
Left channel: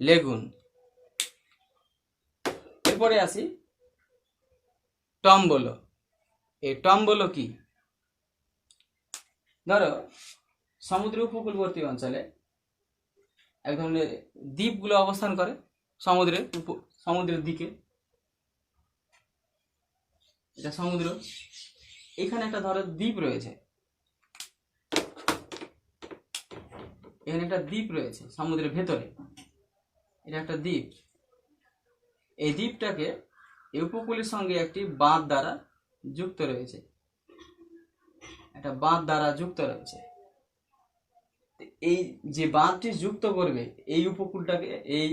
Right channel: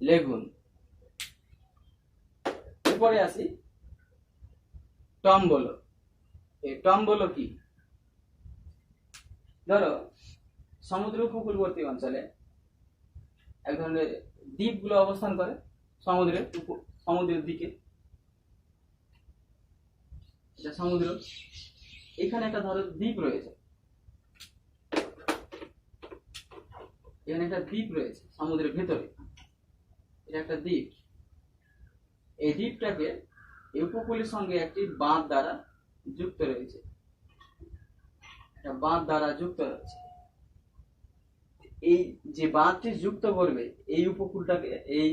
লেগুন। এরপরে আসি টম্বলো। এই টম্বলো কি? ধরো সমুদ্র উপকূলবর্তী অঞ্চলে এক ধরনের দ্বীপগুলো অবস্থান করে সমুদ্রের দিকে। এটা সমুদ্র, এখানে একটা ধরো দ্বীপ রয়েছে, এখানে একটা দ্বীপ রয়েছে সমুদ্রের ভেতরে, এটা একটা দ্বীপ। এই দ্বীপটাকে এই উপকূলের সঙ্গে একটি বাঁধ দ্বারা যুক্ত রয়েছে, একটা বাঁধ দ্বারা যুক্ত রয়েছে। এই যে বাঁধটি যুক্ত করবে এই উপকূলটাকে, এই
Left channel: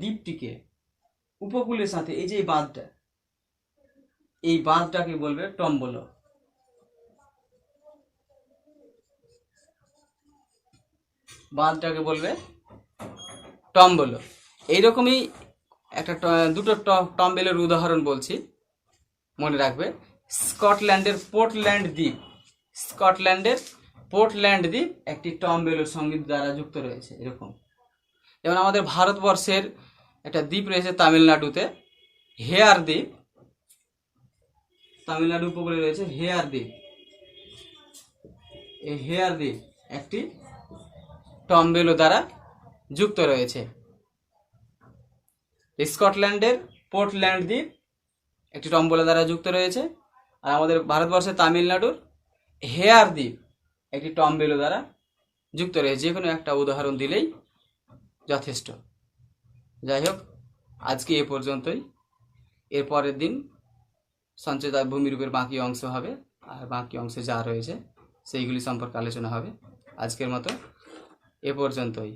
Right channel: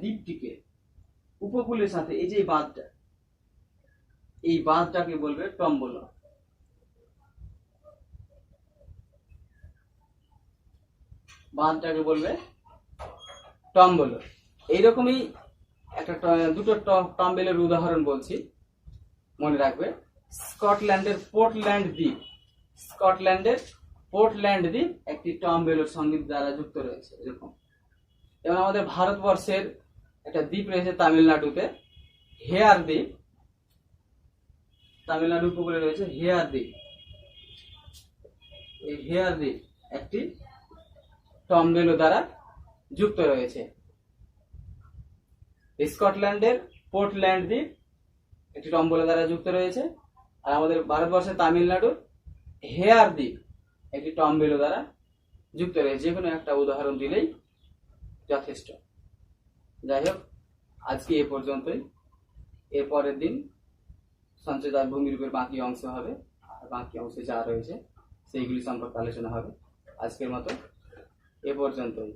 দ্বীপটিকে উপকূলের সাথে, এই যে বাঁধটা, এই বাঁধটাকে বলবে টম্বলো। বাঁধটাকে বলবে টম্বলো। এইরকমই দুটো টম্বলের উদাহরণ বলছি, মনে রাখবে। স্কটল্যান্ডের পোর্টল্যান্ড দ্বীপ, স্কটল্যান্ডের পোর্টল্যান্ড দ্বীপ একটি টম্বলোর সঙ্গে দ্বারা যুক্ত রয়েছে। এরকম যেমন আমাদের ভারতবর্ষের একটা দ্বীপ রয়েছে তামিলনাড়ুতে, হেয়ার দ্বীপ। তামিলনাড়ু উপকূলে রয়েছে হেয়ার দ্বীপ। এই হেয়ার দ্বীপ একটি টম্বলো দ্বারা যুক্ত রয়েছে। স্কটল্যান্ডের পোর্টল্যান্ড দ্বীপ একটি টম্বলো দ্বারা যুক্ত রয়েছে, আর আমাদের ভারতবর্ষের তামিলনাড়ুর হেয়ার দ্বীপ একটি টম্বলো দ্বারা যুক্ত রয়েছে। যে কোনো একটা উদাহরণ দিলেই যথেষ্ট। যাই হোক, আজকে এ পর্যন্তই। এর পরের দিন সঞ্চয়িত ভূমিরূপের বাকি অংশ হবে, আর বাকি অংশে যা রয়েছে সেইগুলি সম্পর্কে আলোচনা হবে। আজকের মতো এ পর্যন্তই।